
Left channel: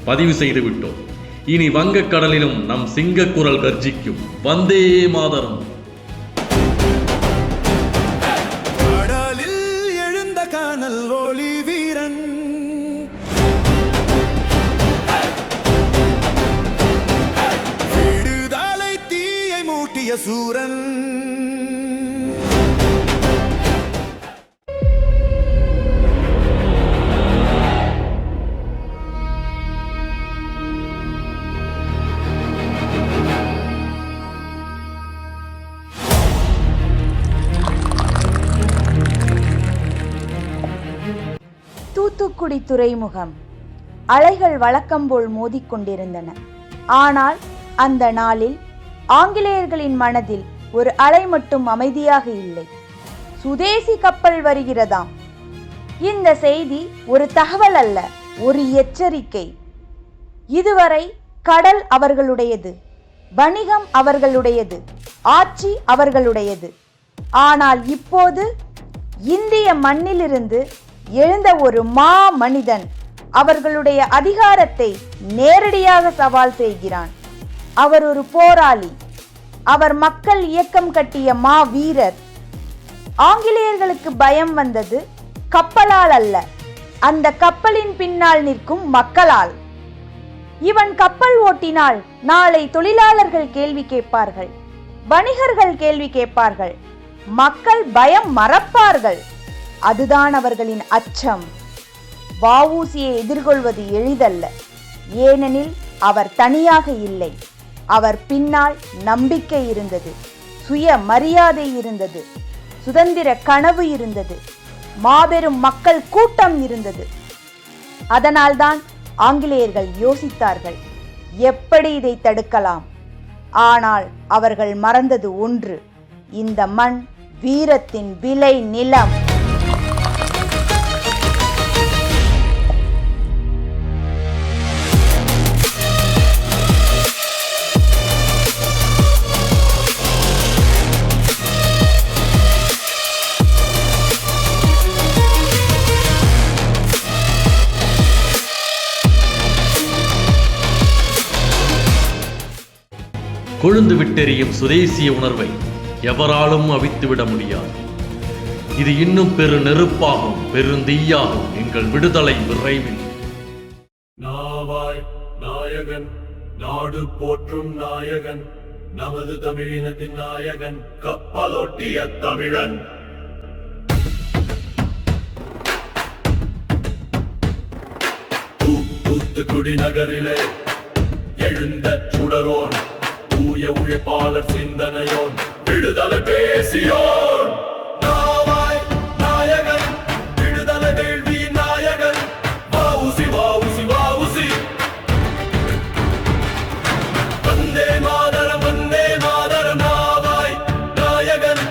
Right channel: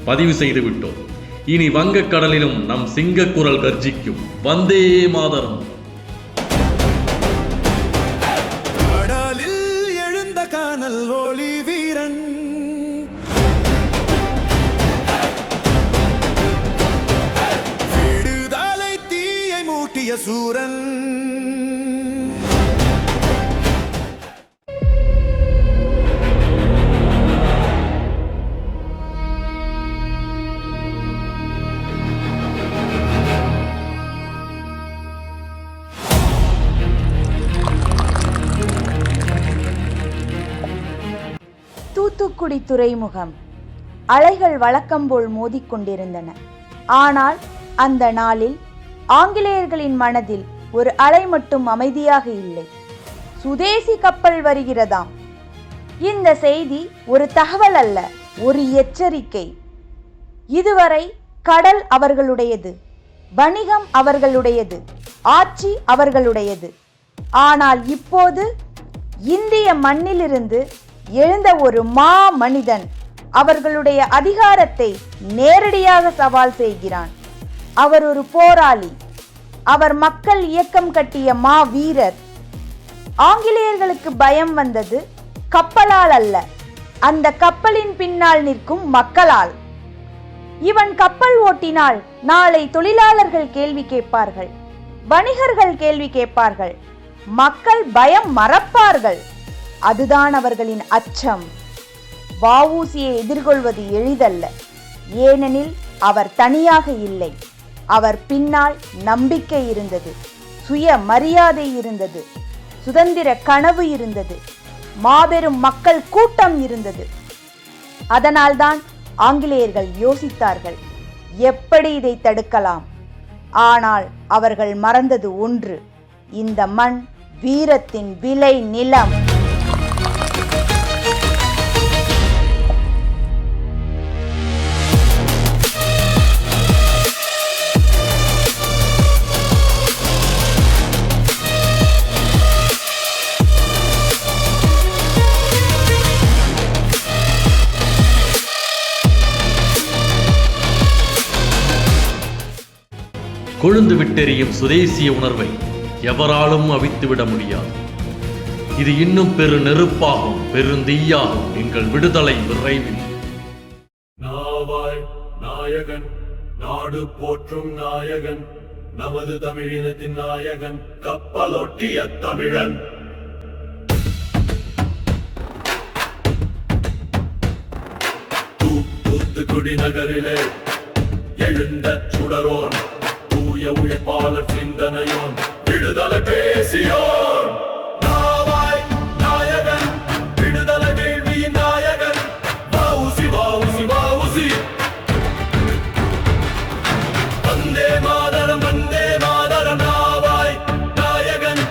பதிவு செய்து விட்டோம். இனி வங்கக்கடலிலும் நம் சிங்கக்குரல் கர்ஜிக்கும். வந்தே மாதரம். கடலில் எழுந்த கானல் ஒளி வீரன், விடுதலை தீயை மூட்டிய சூரன். தூத்துக்குடி துறைமுகம். அலைகள் வழக்கம்போல் மோதிக்கொண்டிருந்தன. ஆனால் அந்த நாளில் ஆங்கிலேயர்களின் மனதில் ஒரு அலை மட்டும் அமைதியாக இல்லை. சுதேசி கப்பல் வருகிறதாம். இந்த செய்தி ஒரு தகவல் அல்ல, ஒரு எச்சரிக்கை. இதுவரை கடல் அவர்களுடையது, வணிகம் அவர்களுடையது, ஆட்சி அவர்களுடையது. ஆனால் இப்போது இந்திய மண்ணிலிருந்து எழுந்த ஒரு மனிதன் அவர்களுடைய அதிகாரத்தை நேரடியாக சவால் செய்கிறான். அவர் ஒரு போராளி. அவர் மக்கள் இயக்கம் கட்டிய வீரர். ஆங்கிலேயர்களுக்கு பயம் வந்தது கப்பலால் அல்ல, அந்த கப்பலின் பின்னால் நிற்கும் மக்களால். இவன் கப்பல் ஓட்டினால் நாளை தொழிலாளர்கள் கேள்வி கேட்பார்கள், வணிகர்கள் கேள்வி கேட்பார்கள், மக்கள் பயம் மறப்பார்கள். அதுதான் அவர்களின் அச்சம். வஉசியை எதிர்கொள்வது எளிதல்ல. ஏனெனில் அவர் தனியாக இல்லை. அவர் பின்னால் நம்பிக்கை இருந்தது, சுய மரியாதை இருந்தது, சுதந்திர கனவு இருந்தது, மாபெரும் மக்கள் கூட்டம் இருந்தது. அதனால்தான் ஆங்கிலேயர்கள் யோசித்தார்கள், எப்படி இதை தடுக்கலாம். ஆனால் அவர்கள் மறந்தது ஒன்று, இந்த மண் வீரத்தின் விளை நிலம். கொழுந்து விட்டெறியும் சுதேசிய உணர்வை எவராலும் அவித்துவிட முடியாது. இது இன்னும் பெரு நெருப்பாகும், பெருந்தீயாகும். எங்கள் விடுதலை விரைவில். நாவாய் நாயகன், நாடு போற்றும் நாயகன், நமது தமிழினத்தின் நாயகன், கப்பலோட்டிய தமிழன். தூத்துக்குடி நகரிலே எழுந்த சுடரோன், தூய உழைப்பாளர் சிந்தனையோன், விடுதலை பேசியோன். நாவாய் நாயகன், விடுதலை வேள்வியின் நாயகன், வஉசி வஉசி வஉசி. வந்தே மாதரம் வந்தே மாதரம். நாவாய் நாயகன்,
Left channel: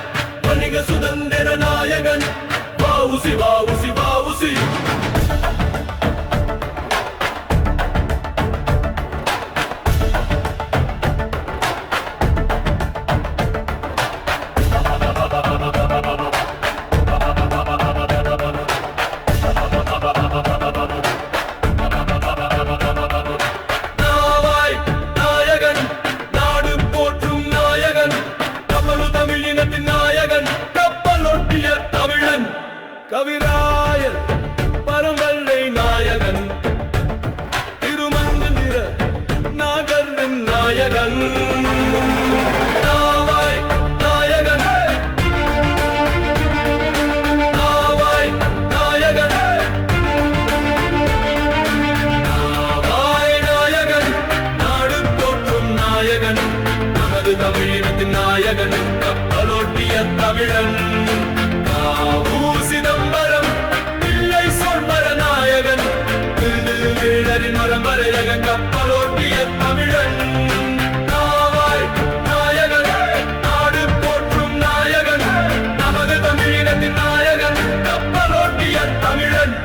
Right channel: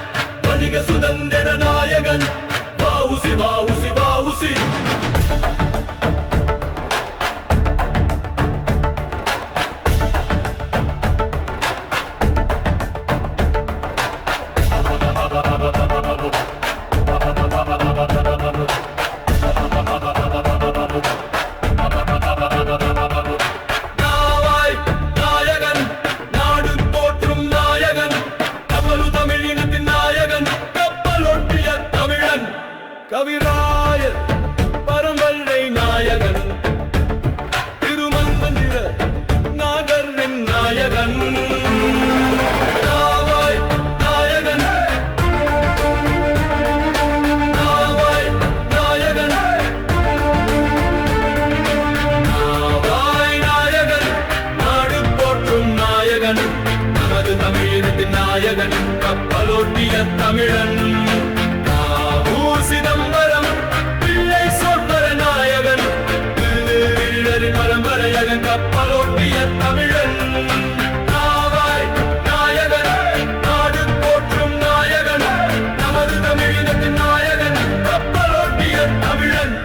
வணிக சுதந்திர நாயகன், வஉசி வஉசி வஉசி. நாவாய் நாயகன், நாடு போற்றும் நாயகன், கப்பலு தமிழினத்தின் நாயகன், கப்பலொட்டிய தமிழன், கவிராயர் பரம்பரை நாயகன், திருமந்திர நாகரின் நாயகன். நாவாய் நாயகன், நாவாய் நாயகன், நாவாய் நாயகன், நாடு போற்றும் நாயகன், நமது தமிழினத்தின் நாயகன், கப்பலோட்டிய தமிழன், காவு சிதம்பரம் பிள்ளை சொல்வர நாயகன், வீரரின் மரம்பரையகன், கப்பலோட்டிய தமிழன். நாவாய் நாயகன், நாடு போற்றும் நாயகன், நமது தமிழினத்தின் நாயகன், கப்பலோட்டிய தமிழன்.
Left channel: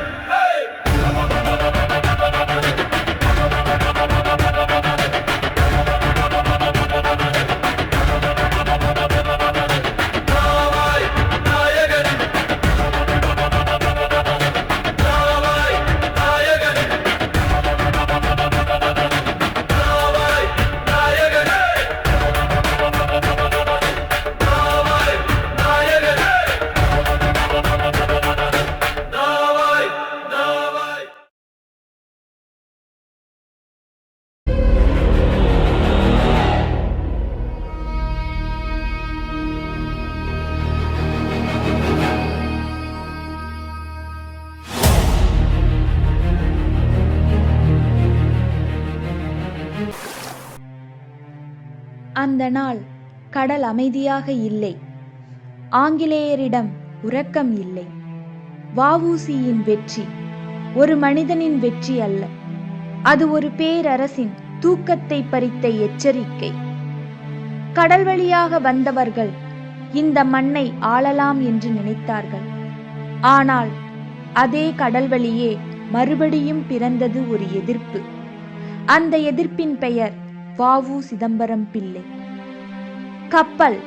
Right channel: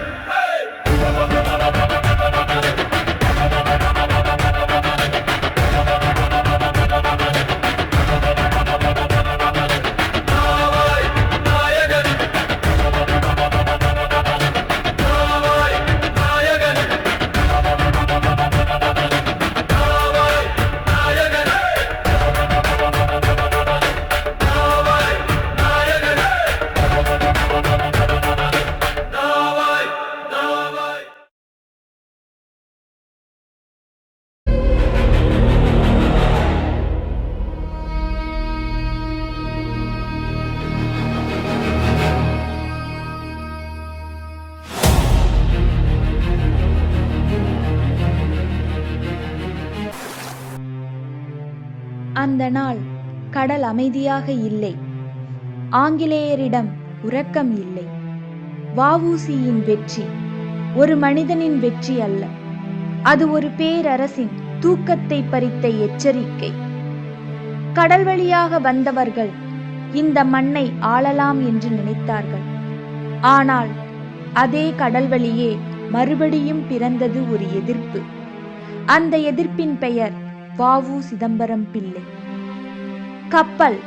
நாவாய் நாயகன், நாவாய் நாயகன். அந்த நாள் கடல் அமைதியாக இல்லை. ஆங்கிலேயரிடம் உறக்கம் இல்லை. வ.உ.சி.யின் வெற்றி ஒரு மனிதனின் வெற்றி அல்ல, அது ஒரு பேரரசின் தூக்கத்தை பறித்த எச்சரிக்கை. கடல் வழியாக வந்தவர்கள் இந்த மண்ணை ஆளலாம் என்று நினைத்தார்கள். ஆனால் அதே கடல் வழியே மறுபடியும் பிறந்தது ஒரு எதிர்ப்பு. அந்த எதிர்ப்பின் பெயர் வ.உ. சிதம்பரம் பிள்ளை. கப்பல்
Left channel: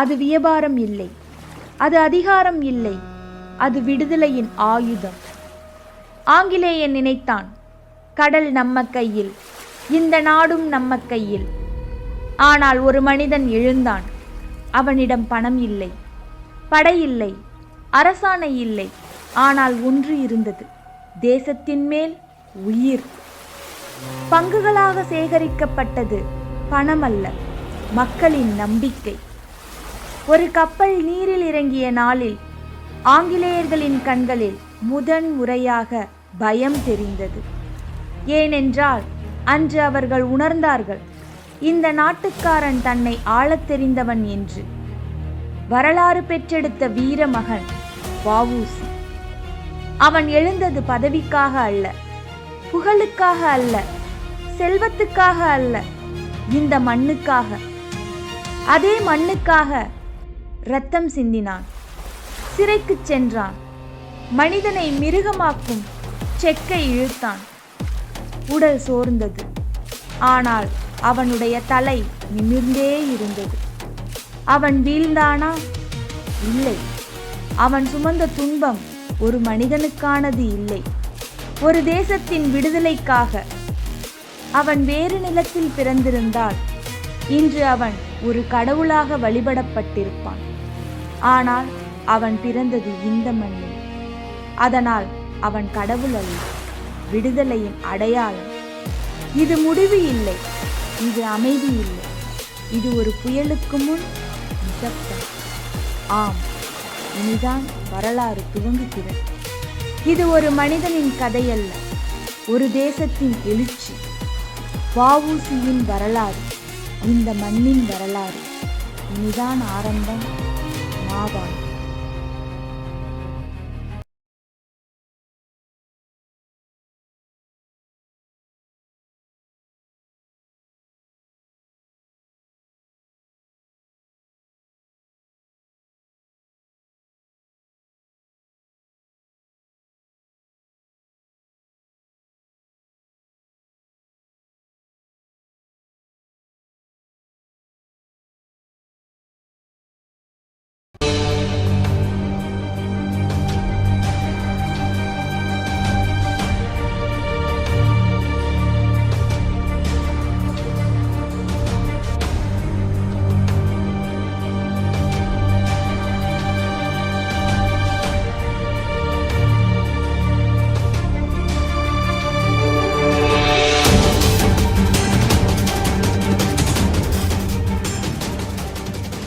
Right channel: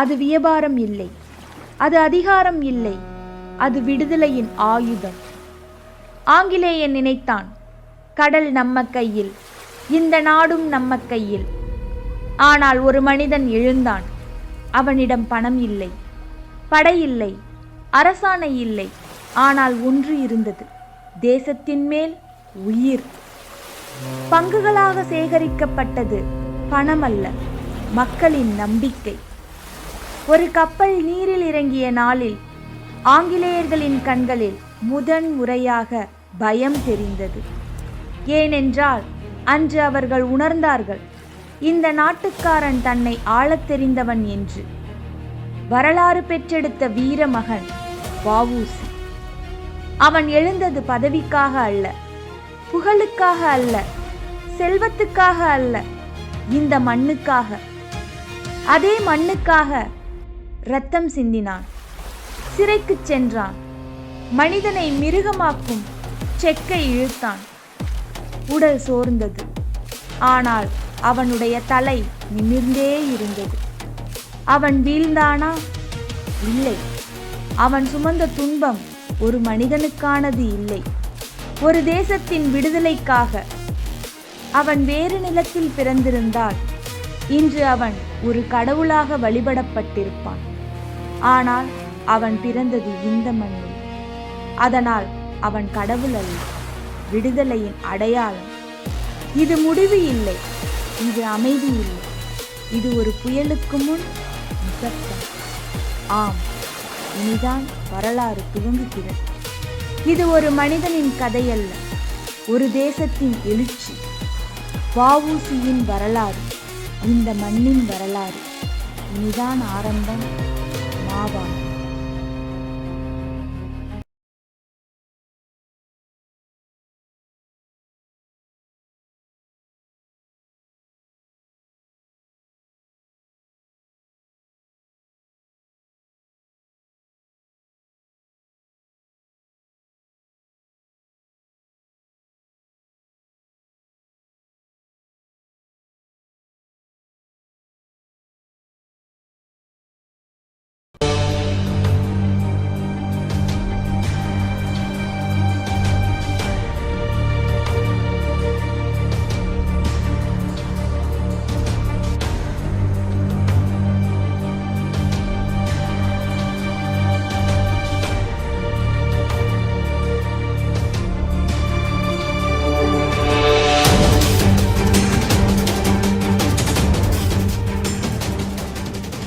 அது வியாபாரம் இல்லை, அது அதிகாரம் இல்லை, அது விடுதலையின் ஆயுதம். ஆங்கிலேயன் நினைத்தான், கடல் நம்ம கையில், இந்த நாடும் நம்ம கையில். ஆனால் ஒரு மனிதன் எழுந்தான். அவனிடம் பணம் இல்லை, படை இல்லை, அரசாணை இல்லை. ஆனால் ஒன்று இருந்தது, தேசத்தின் மேல் உயிர். பங்குகளாக சேகரிக்கப்பட்டது பணம் அல்ல, மக்களின் நம்பிக்கை. ஒரு கப்பல் நீரில் இறங்கிய நாளில் ஆங்கிலேயர்களின் கண்களில் முதன் முறையாக பயம் தெரிந்தது. ஏனென்றால் அன்று அவர்கள் உணர்ந்தார்கள், இந்த நாட்டுக்காரன் தன்னை ஆளத் தெரிந்தவன் என்று. வரலாறு பெற்றெடுத்த வீர மகன் வ.உ.சி. அவன் எழுந்தது பதவிக்காக அல்ல, புகழுக்காக அல்ல, செல்வத்துக்காக அல்ல, இந்த மண்ணுக்காக. அதே மண்ணுக்காக இரத்தம் சிந்தினான், சிறைக்கு சென்றான், மனிதனை மிருகமாக்கும் செக்கை இழுத்தான். உடல் சோர்ந்தது, ஆனால் அவனுடைய தலை நிமிர்ந்தே இருந்தது. அவன் வீழ்ந்தானா? இல்லை. அவன் சுமந்த துன்பம் ஒரு மனிதனுக்கானது இல்லை, ஒரு தேசத்தின் விடுதலைக்காக. அவன் வேறு நிலத்தில் பிறந்திருந்தால் இன்று அவன் ஒரு கடவுளாக வழிபடப்பட்டிருப்பான். ஆனால் அவன் பிறந்தது இந்த மண்ணில். அதனால் அவன் கடவுள் அல்ல, விடுதலையின் அடையாளம். இது முடிவு இல்லை, இது அமைதி இல்லை, இது ஒரு புயலுக்கு முன் நிசப்தம். ஆம், இனிதான் வரலாறு துவங்குகிறது. இது ஒரு மனிதனின் கதையல்ல, ஒரு தேசத்தின் எழுச்சி. வ.உ.சி.யின் வரலாறு, இந்த மண்ணின் வரலாறு. இனிதான் ஆரம்பம். மாவான்.